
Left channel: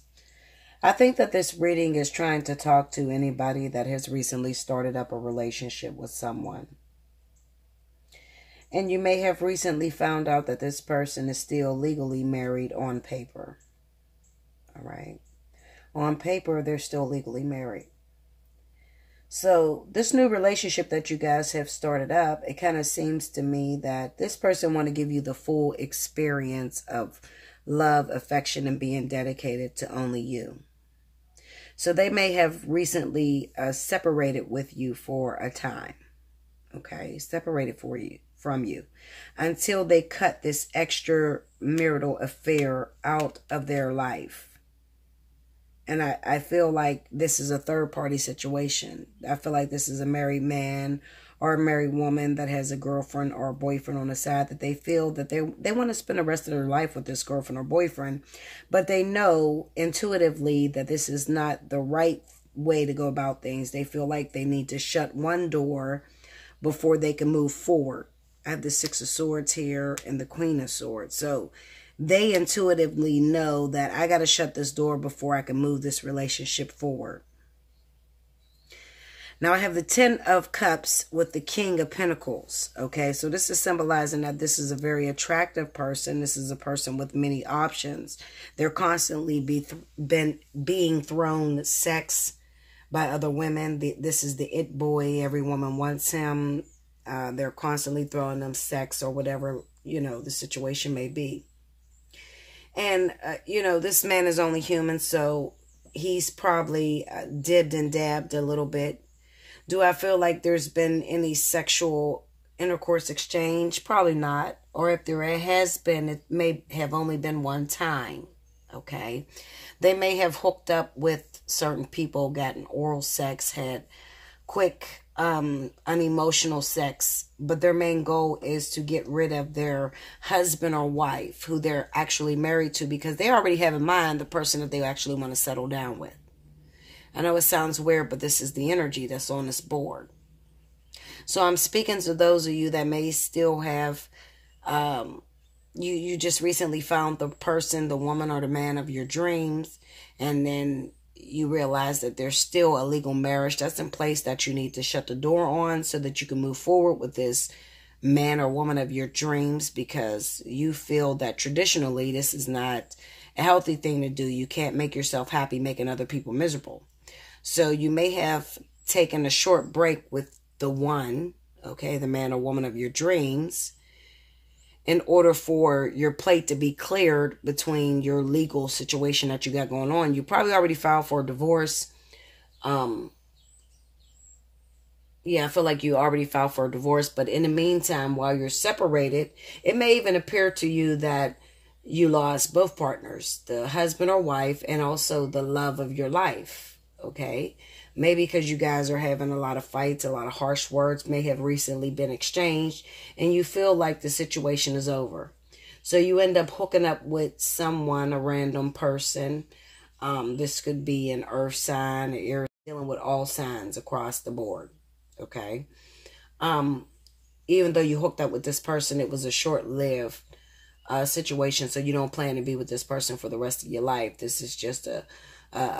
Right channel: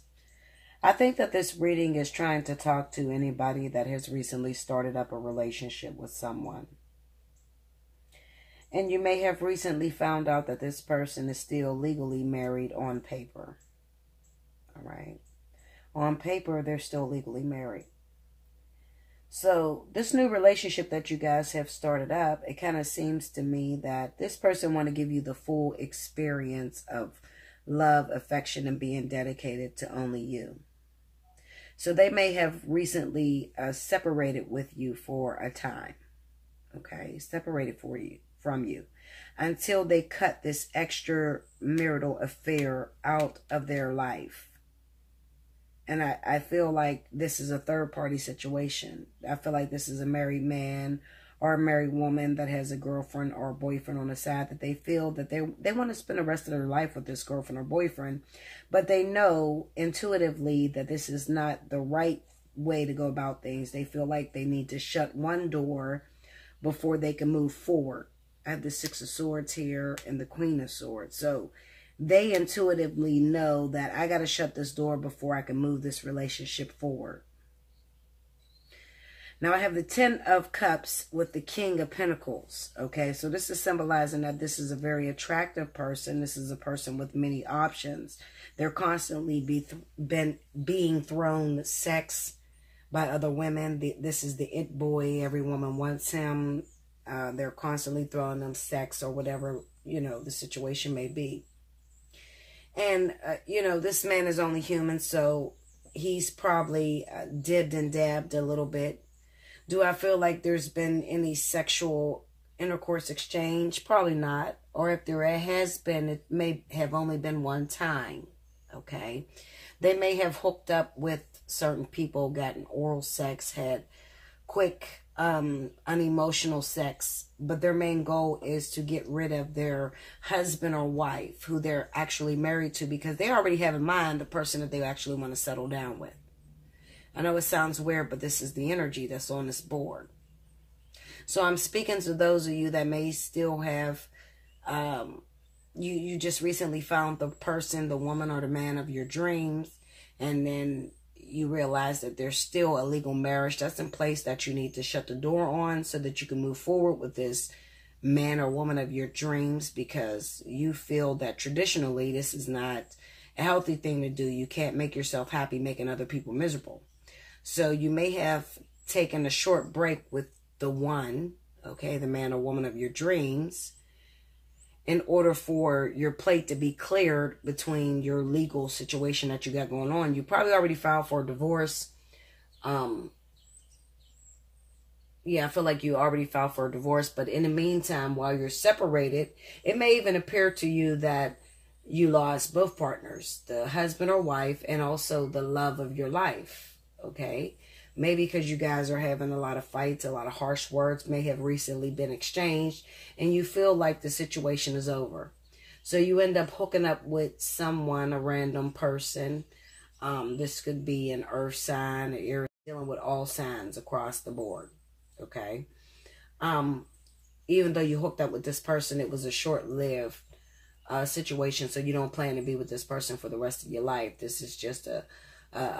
I think that this reading is trying to talk to anybody that has recently started up a relationship with someone. And you may have recently found out that this person is still legally married on paper. All right. On paper, they're still legally married. So this new relationship that you guys have started up, it kind of seems to me that this person want to give you the full experience of love, affection, and being dedicated to only you. So they may have recently separated with you for a time. Okay, separated from you until they cut this extramarital affair out of their life. And I feel like this is a third-party situation. I feel like this is a married man or a married woman that has a girlfriend or a boyfriend on the side that they feel that they want to spend the rest of their life with this girlfriend or boyfriend. But they know intuitively that this is not the right way to go about things. They feel like they need to shut one door before they can move forward. I have the Six of Swords here and the Queen of Swords. So they intuitively know that I got to shut this door before I can move this relationship forward. Now I have the Ten of Cups with the King of Pentacles. Okay, so this is symbolizing that this is a very attractive person. This is a person with many options. They're constantly being thrown sex by other women. This is the it boy. Every woman wants him. They're constantly throwing them sex or whatever, you know, the situation may be. And, you know, this man is only human, so he's probably dibbed and dabbed a little bit. Do I feel like there's been any sexual intercourse exchange? Probably not. Or if there has been, it may have only been one time. Okay. They may have hooked up with certain people, gotten oral sex, had quick unemotional sex, but their main goal is to get rid of their husband or wife who they're actually married to, because they already have in mind the person that they actually want to settle down with. I know it sounds weird, but this is the energy that's on this board. So I'm speaking to those of you that may still have, you just recently found the person, the woman or the man of your dreams, and then you realize that there's still a legal marriage that's in place that you need to shut the door on so that you can move forward with this man or woman of your dreams, because you feel that traditionally this is not a healthy thing to do. You can't make yourself happy making other people miserable. So you may have taken a short break with the one, okay, the man or woman of your dreams, in order for your plate to be cleared between your legal situation that you got going on. You probably already filed for a divorce. Yeah, I feel like you already filed for a divorce. But in the meantime, while you're separated, it may even appear to you that you lost both partners, the husband or wife, and also the love of your life. Okay. Maybe because you guys are having a lot of fights, a lot of harsh words may have recently been exchanged, and you feel like the situation is over. So you end up hooking up with someone, a random person. This could be an earth sign, or dealing with all signs across the board. Okay. Even though you hooked up with this person, it was a short-lived situation, so you don't plan to be with this person for the rest of your life. This is just a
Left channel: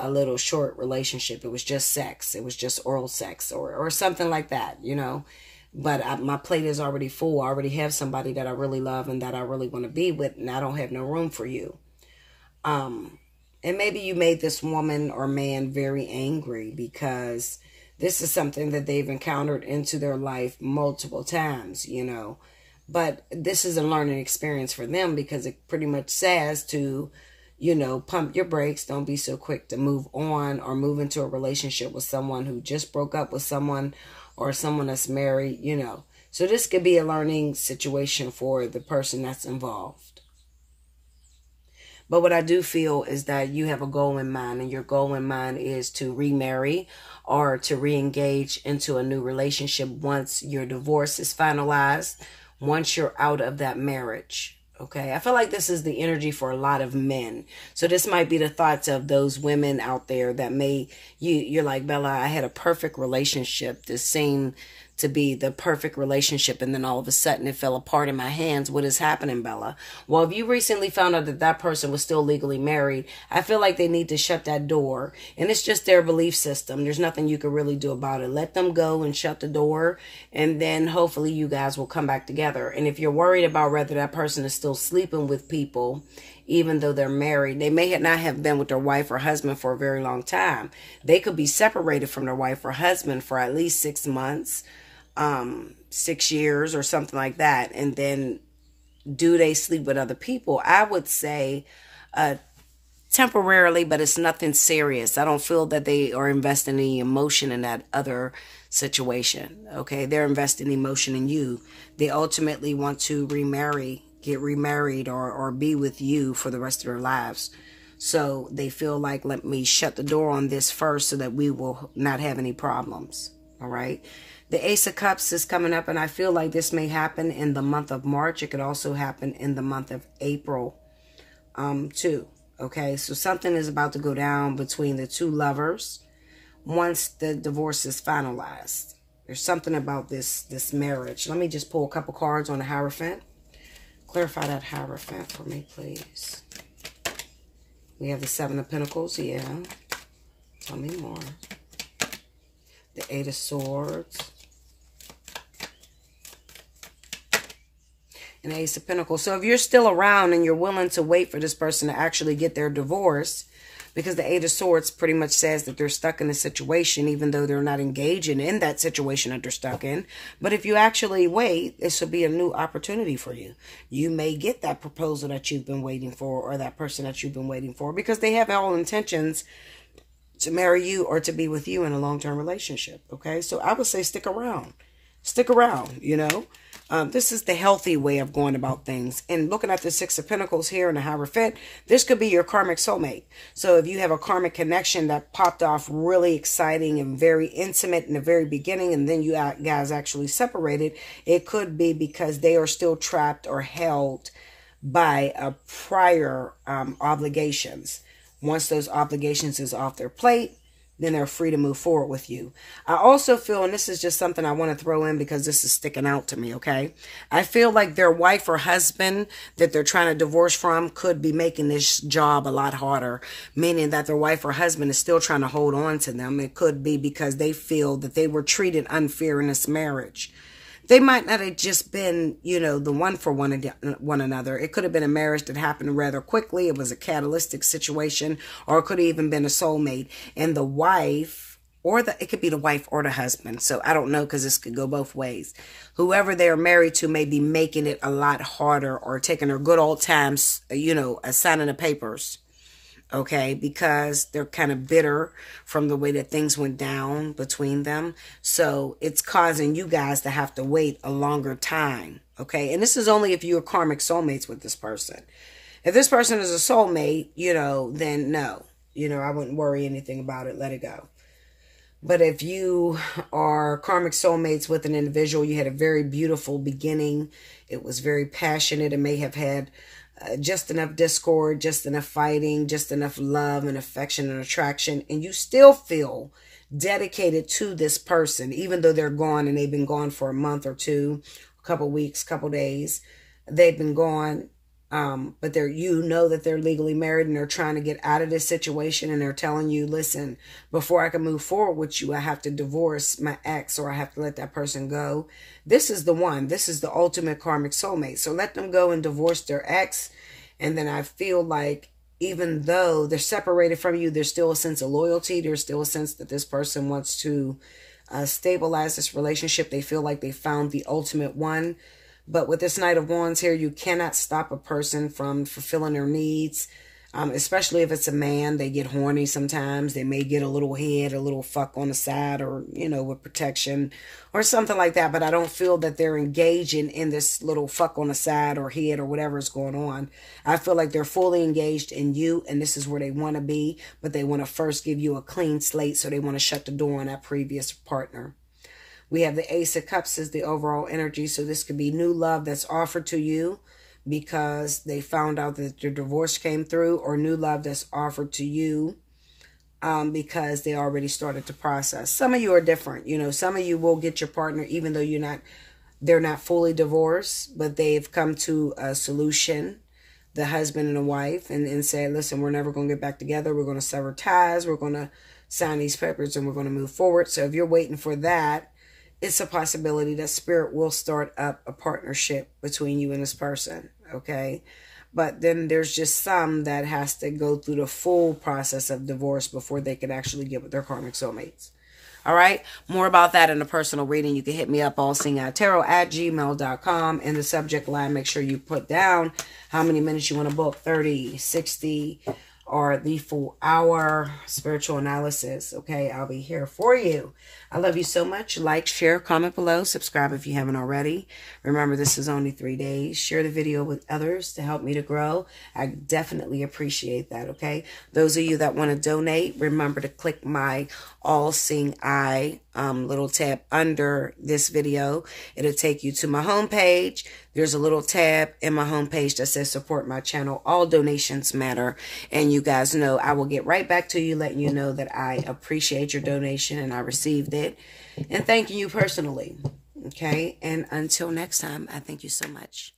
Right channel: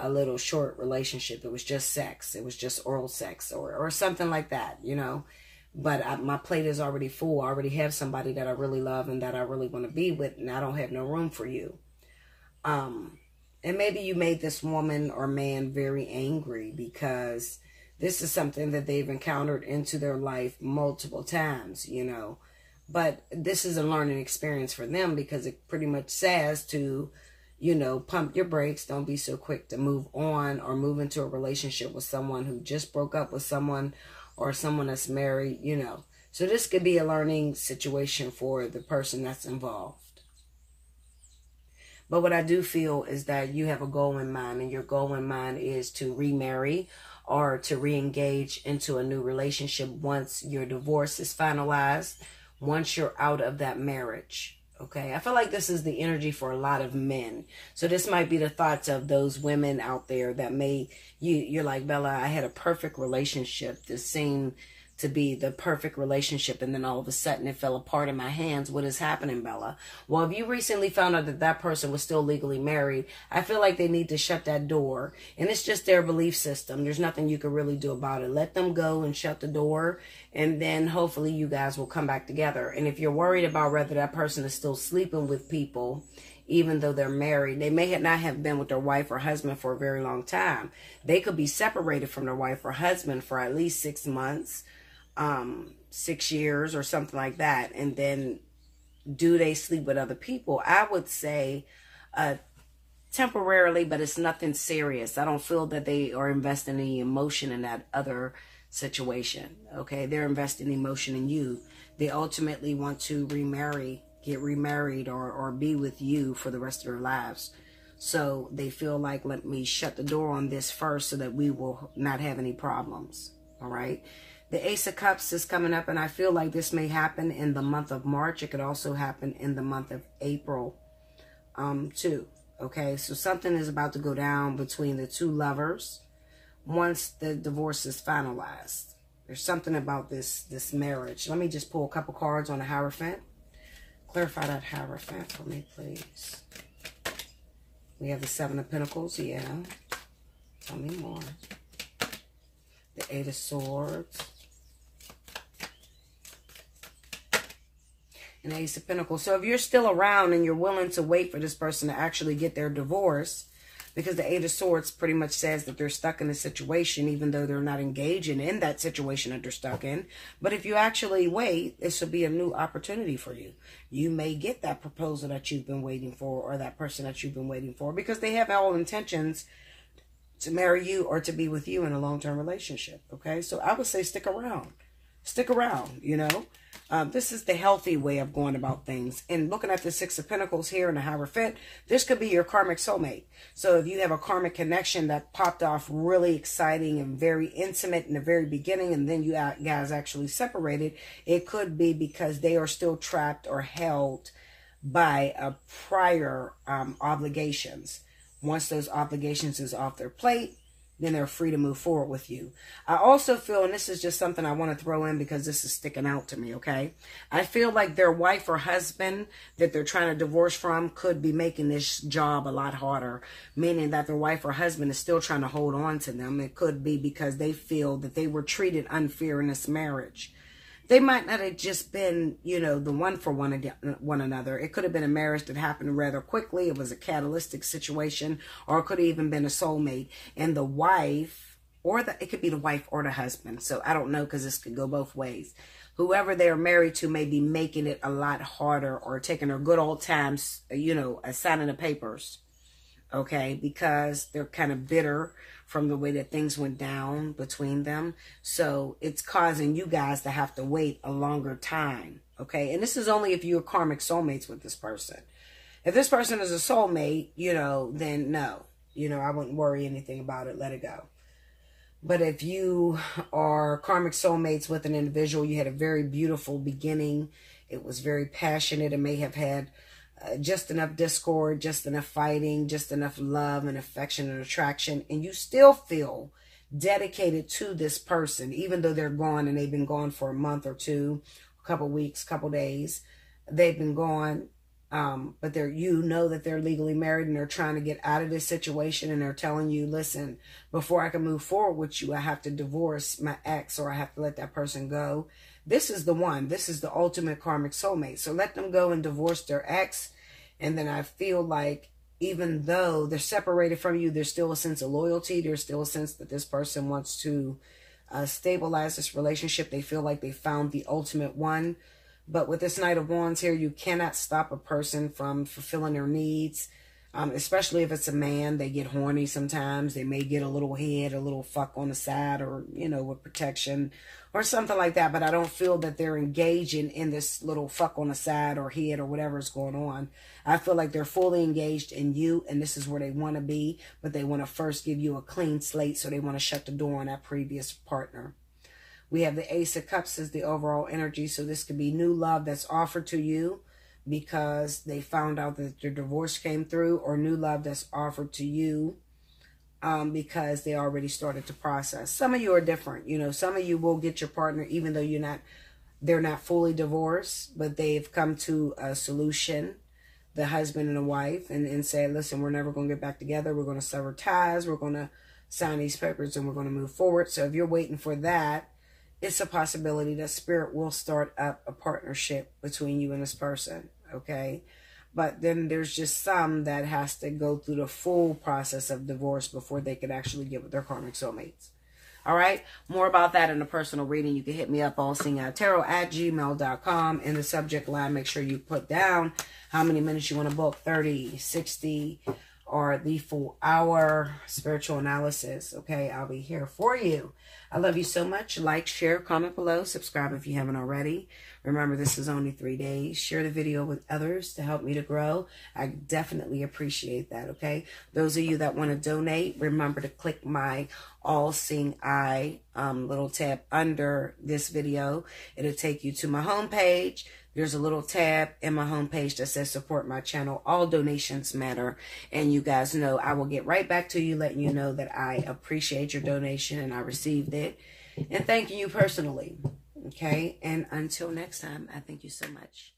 little short relationship. It was just sex. It was just oral sex or something like that, you know. But my plate is already full. I already have somebody that I really love and that I really want to be with, and I don't have no room for you. And maybe you made this woman or man very angry because this is something that they've encountered into their life multiple times, you know. But this is a learning experience for them, because it pretty much says to, you know, pump your brakes. Don't be so quick to move on or move into a relationship with someone who just broke up with someone or someone that's married, you know. So this could be a learning situation for the person that's involved. But what I do feel is that you have a goal in mind, and your goal in mind is to remarry or to re-engage into a new relationship once your divorce is finalized, once you're out of that marriage. Okay, I feel like this is the energy for a lot of men. So this might be the thoughts of those women out there that may, you're like, Bella, I had a perfect relationship. This seemed to be the perfect relationship, and then all of a sudden it fell apart in my hands. What is happening, Bella? Well, if you recently found out that that person was still legally married, I feel like they need to shut that door. And it's just their belief system. There's nothing you can really do about it. Let them go and shut the door, and then hopefully you guys will come back together. And if you're worried about whether that person is still sleeping with people, even though they're married, they may not have been with their wife or husband for a very long time. They could be separated from their wife or husband for at least 6 months, 6 years or something like that. And then do they sleep with other people? I would say temporarily, but it's nothing serious. I don't feel that they are investing any emotion in that other situation. Okay, they're investing emotion in you. They ultimately want to get remarried or be with you for the rest of their lives. So they feel like, let me shut the door on this first so that we will not have any problems. All right. The Ace of Cups is coming up, and I feel like this may happen in the month of March. It could also happen in the month of April, too. Okay, so something is about to go down between the two lovers once the divorce is finalized. There's something about this marriage. Let me just pull a couple cards on the Hierophant. Clarify that Hierophant for me, please. We have the Seven of Pentacles. Yeah. Tell me more. The Eight of Swords. And the Ace of Pentacles. So if you're still around and you're willing to wait for this person to actually get their divorce, because the Eight of Swords pretty much says that they're stuck in a situation, even though they're not engaging in that situation that they're stuck in. But if you actually wait, this will be a new opportunity for you. You may get that proposal that you've been waiting for, or that person that you've been waiting for, because they have all intentions to marry you or to be with you in a long-term relationship. Okay, so I would say stick around. Stick around, you know. This is the healthy way of going about things. And looking at the Six of Pentacles here in the Hierophant, this could be your karmic soulmate. So if you have a karmic connection that popped off really exciting and very intimate in the very beginning, and then you guys actually separated, it could be because they are still trapped or held by prior obligations. Once those obligations is off their plate, then they're free to move forward with you. I also feel, and this is just something I want to throw in because this is sticking out to me, okay? I feel like their wife or husband that they're trying to divorce from could be making this job a lot harder, meaning that their wife or husband is still trying to hold on to them. It could be because they feel that they were treated unfair in this marriage. They might not have just been, you know, the one for one another. It could have been a marriage that happened rather quickly. It was a catalytic situation, or it could have even been a soulmate. And the wife, it could be the wife or the husband. So I don't know, because this could go both ways. Whoever they're married to may be making it a lot harder, or taking their good old times, you know, signing the papers. Okay, because they're kind of bitter from the way that things went down between them. So it's causing you guys to have to wait a longer time. Okay, and this is only if you're karmic soulmates with this person. If this person is a soulmate, you know, then no. You know, I wouldn't worry anything about it. Let it go. But if you are karmic soulmates with an individual, you had a very beautiful beginning. It was very passionate. It may have had just enough discord, just enough fighting, just enough love and affection and attraction, and you still feel dedicated to this person, even though they're gone and they've been gone for a month or two, a couple weeks, couple days. They've been gone, but you know that they're legally married, and they're trying to get out of this situation, and they're telling you, listen, before I can move forward with you, I have to divorce my ex, or I have to let that person go. This is the one. This is the ultimate karmic soulmate. So let them go and divorce their ex. And then I feel like even though they're separated from you, there's still a sense of loyalty. There's still a sense that this person wants to stabilize this relationship. They feel like they found the ultimate one. But with this Knight of Wands here, you cannot stop a person from fulfilling their needs. Especially if it's a man, they get horny sometimes. They may get a little head, a little fuck on the side, or, you know, with protection or something like that. But I don't feel that they're engaging in this little fuck on the side or head or whatever is going on. I feel like they're fully engaged in you, and this is where they want to be. But they want to first give you a clean slate, so they want to shut the door on that previous partner. We have the Ace of Cups as the overall energy. So this could be new love that's offered to you because they found out that your divorce came through, or new love that's offered to you because they already started the process. Some of you are different. You know, some of you will get your partner even though they're not fully divorced, but they've come to a solution, the husband and the wife, and say, listen, we're never going to get back together. We're going to sever ties. We're going to sign these papers and we're going to move forward. So if you're waiting for that, it's a possibility that Spirit will start up a partnership between you and this person, okay? But then there's just some that has to go through the full process of divorce before they could actually get with their karmic soulmates. All right. More about that in a personal reading. You can hit me up, allseeingeyetarot@gmail.com. In the subject line, make sure you put down how many minutes you want to book, 30, 60, or the full hour spiritual analysis. Okay. I'll be here for you. I love you so much. Like, share, comment below, subscribe if you haven't already. Remember, this is only 3 days. Share the video with others to help me to grow. I definitely appreciate that, okay? Those of you that want to donate, remember to click my All Seeing Eye little tab under this video. It'll take you to my homepage. There's a little tab in my homepage that says support my channel. All donations matter. And you guys know I will get right back to you, letting you know that I appreciate your donation and I received it. And thank you personally. Okay. And until next time, I thank you so much.